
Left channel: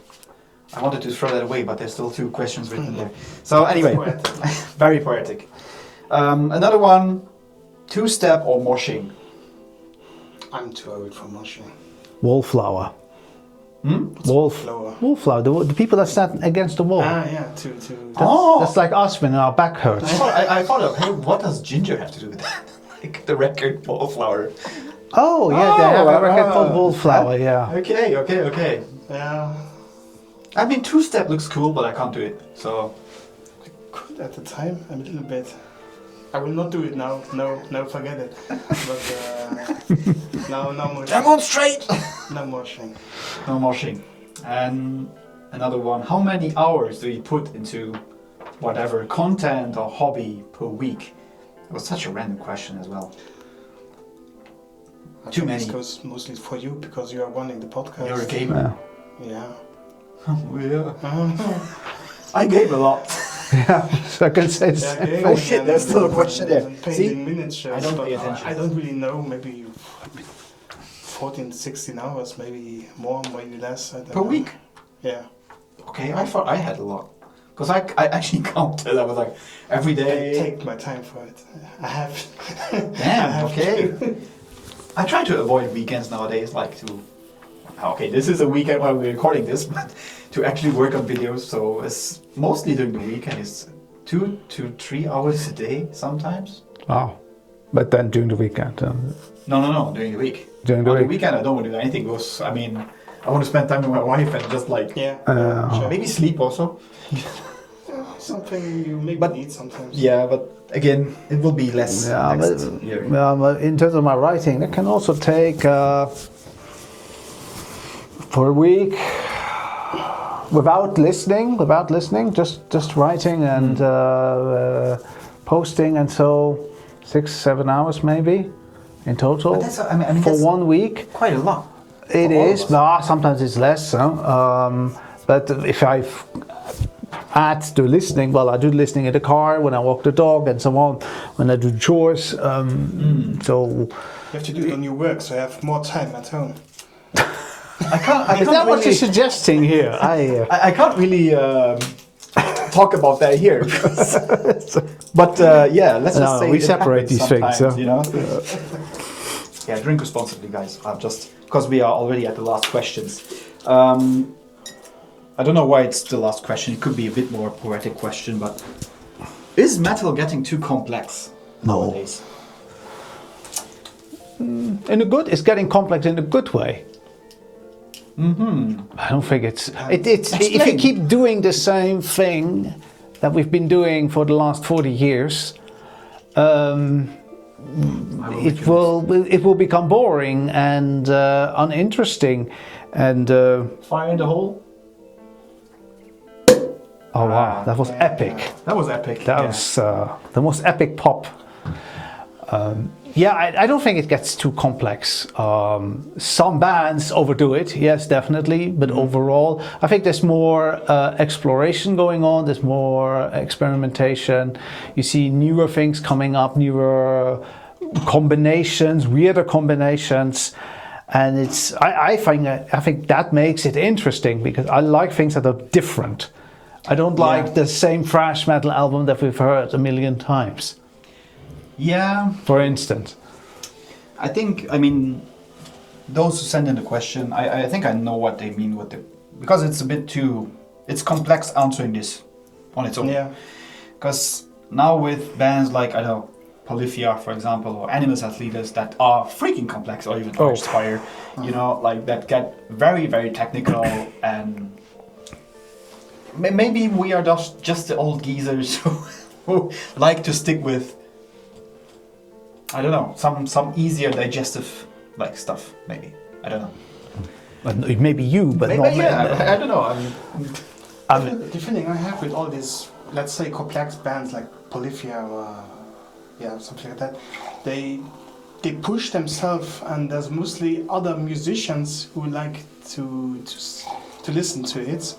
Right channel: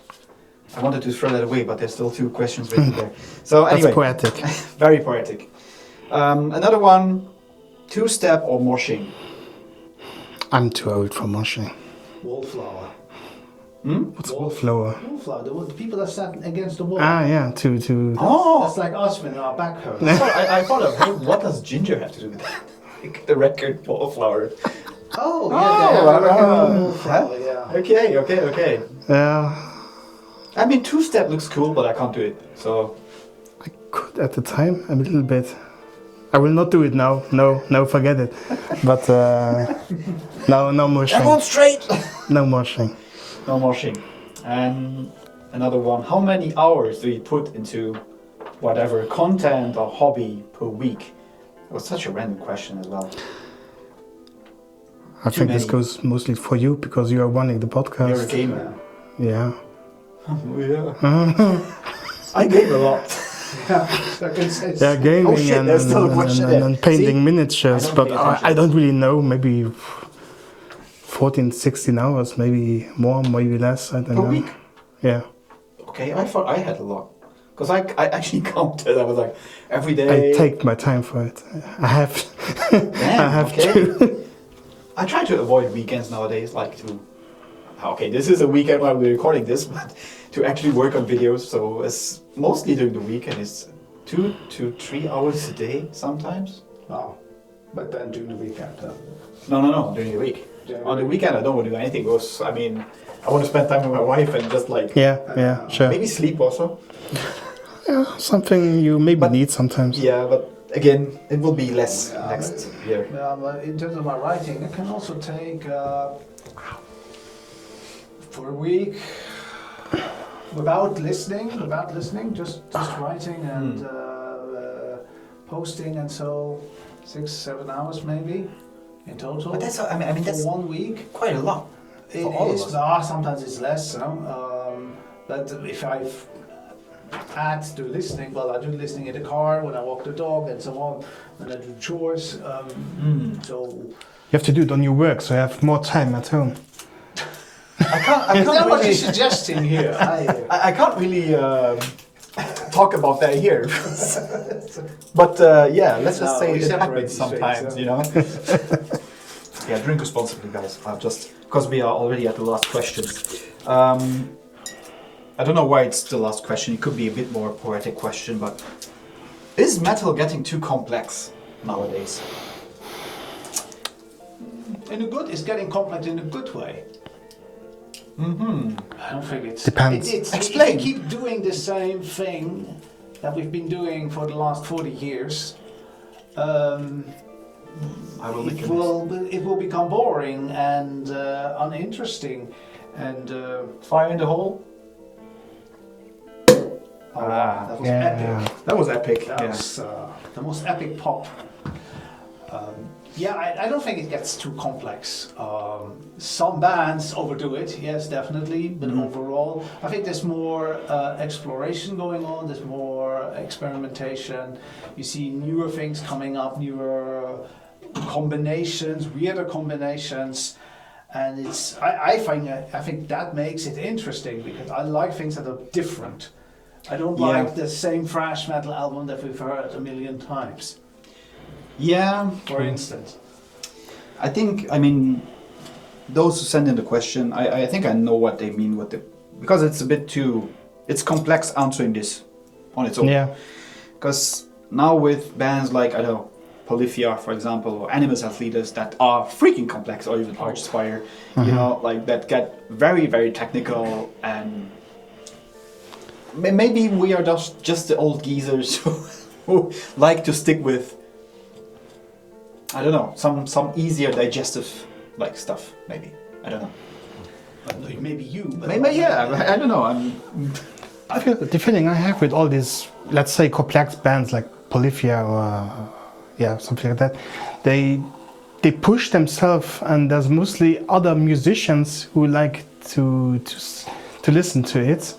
I wanted to throw that away, but there's still 2 questions written there. So anyway, poetic. very poetic. Another one, 2-step or moshing. I'm too old for moshing. Wallflower. Wallflower. Wallflower. The people that stand against the wall. Ah, yeah, to Oh, That's like us when our back hurts. I thought of, hey, what does ginger have to do with that? Like the record wallflower. Oh, Oh, yeah, wallflower. Yeah. Okay. yeah. I mean, 2-step looks cool, but I can't do it. So I could at the time a little bit. I will not do it now. No, forget it. But no moshing. demonstrate. No moshing. No moshing. And another one. How many hours do you put into whatever content or hobby per week? It was such a random question as well. I Too think this many. goes mostly for you because you are running the podcast. You're a gamer. Yeah. Yeah. I game a lot. So I can say Yeah, gaming Oh shit, there's still a question there. and painting See? miniatures, I don't but pay attention. I don't really know. Maybe 14, 16 hours, maybe more, maybe less. I don't Per know. week? Yeah. Okay, I thought I had a lot. Because I actually counted. I was like, every I day. take my time for it. I have. Damn, I have okay. I try to avoid weekends nowadays, like to. Okay, this is a weekend while we're recording this, but to actually work on videos. So it's mostly during the weekend. It's 2 to 3 hours a day sometimes. Wow. But then during the weekend. No, during the week. During the On the week. weekend, I don't want to do anything. Because I mean, I want to spend time with my wife and just like Yeah, sure. maybe sleep also. Yeah, something you maybe need sometimes. Yeah, but again, it will be less Yeah, next year. Yeah, but in terms of my writing, it can also take for a week without listening, just writing and posting, and so 6-7 hours maybe in total. But that's, I mean, for that's 1 week. quite a lot. It for all of is. us. No, sometimes it's less. But if I add to listening, well, I do listening in the car when I walk the dog and so on. When I do chores, so You have to do it on your work, so you have more time at home. I can't is that what really. you're suggesting here? I can't really talk about that here. But yeah, let's just No, say we it separate happens these things, sometimes, you know. Yeah, drink responsibly, guys. I've just because we are already at the last questions. I don't know why it's the last question. It could be a bit more poetic question, but is metal getting too complex nowadays? it's getting complex in a good way. I don't think it's. Depends. It's if you Explain. keep doing the same thing that we've been doing for the last 40 years, it will become boring and uninteresting. And Fire in the hole. oh wow, that was Yeah. epic. That was epic. That was the most epic pop. I don't think it gets too complex. Some bands overdo it, yes, definitely. But overall, I think there's more exploration going on. There's more experimentation. You see newer things coming up, newer combinations, weirder combinations. And I think that makes it interesting because I like things that are different. I don't like the same thrash metal album that we've heard a million times. Yeah. For instance. I mean, those who send in the question, I think I know what they mean with because it's a bit too, it's complex answering this on its own. Yeah. Because now with bands like, I don't know, Polyphia, for example, or Animals as Leaders that are freaking complex, or even Archspire, you know, like that get very, very technical, and maybe we are just the old geezers who like to stick with, I don't know, some easier digestive like stuff, maybe. I don't know. Maybe you, but Maybe, not yeah, I don't know. The feeling I have with all these, let's say, complex bands like Polyphia or something like that, they push themselves, and there's mostly other musicians who like to listen to it.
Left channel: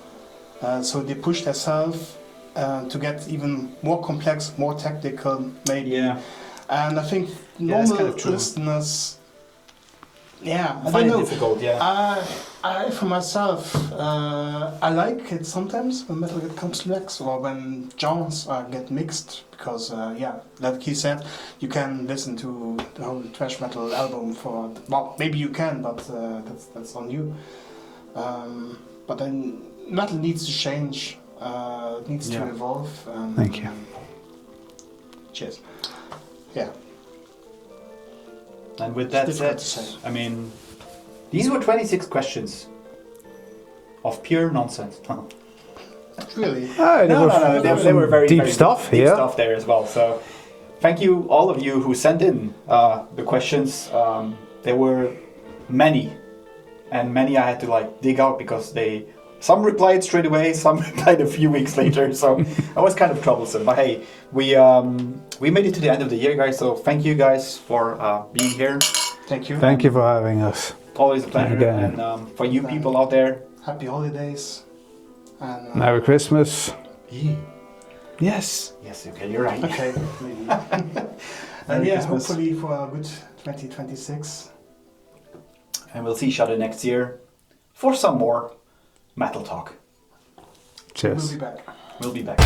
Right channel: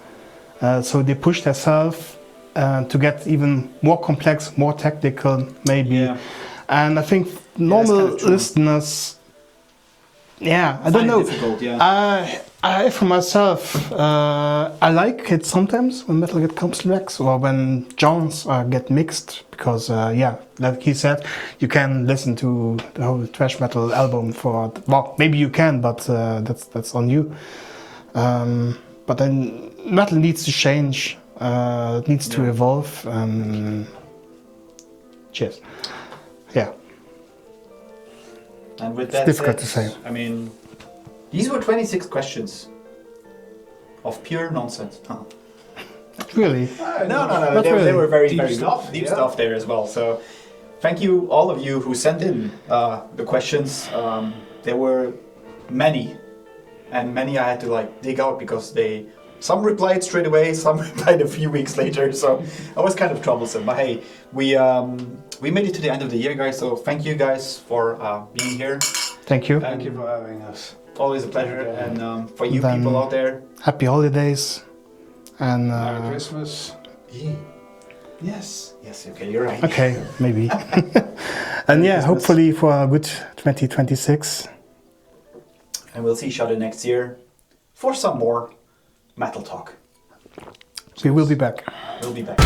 So they push themselves to get even more complex, more technical, maybe. Yeah. And I think that's normal kind of true. listeners, I find don't it know. difficult, yeah. I for myself, I like it sometimes when metal gets complex or when genres get mixed because, like he said, you can listen to the whole thrash metal album for, well, maybe you can, but that's on you. But then metal needs to change, it needs to evolve. Thank you. Cheers. Yeah. And with that difficult said, to say. I mean, these were 26 questions of pure nonsense. Really? No. They were very, deep very stuff, deep yeah. stuff there as well. So, thank you, all of you who sent in the questions. There were many, and many I had to like dig out because some replied straight away, some replied a few weeks later. So that was kind of troublesome. But hey, we made it to the end of the year, guys. So thank you guys for being here. Thank you. Thank you for having us. Always a pleasure. Again. And for you Then- people out there, Happy holidays. And Merry Christmas. yes. yes, okay, you're right. Okay, maybe. Merry And Christmas. hopefully for a good 2026. And we'll see each other next year for some more metal talk. We will be back. We'll be back.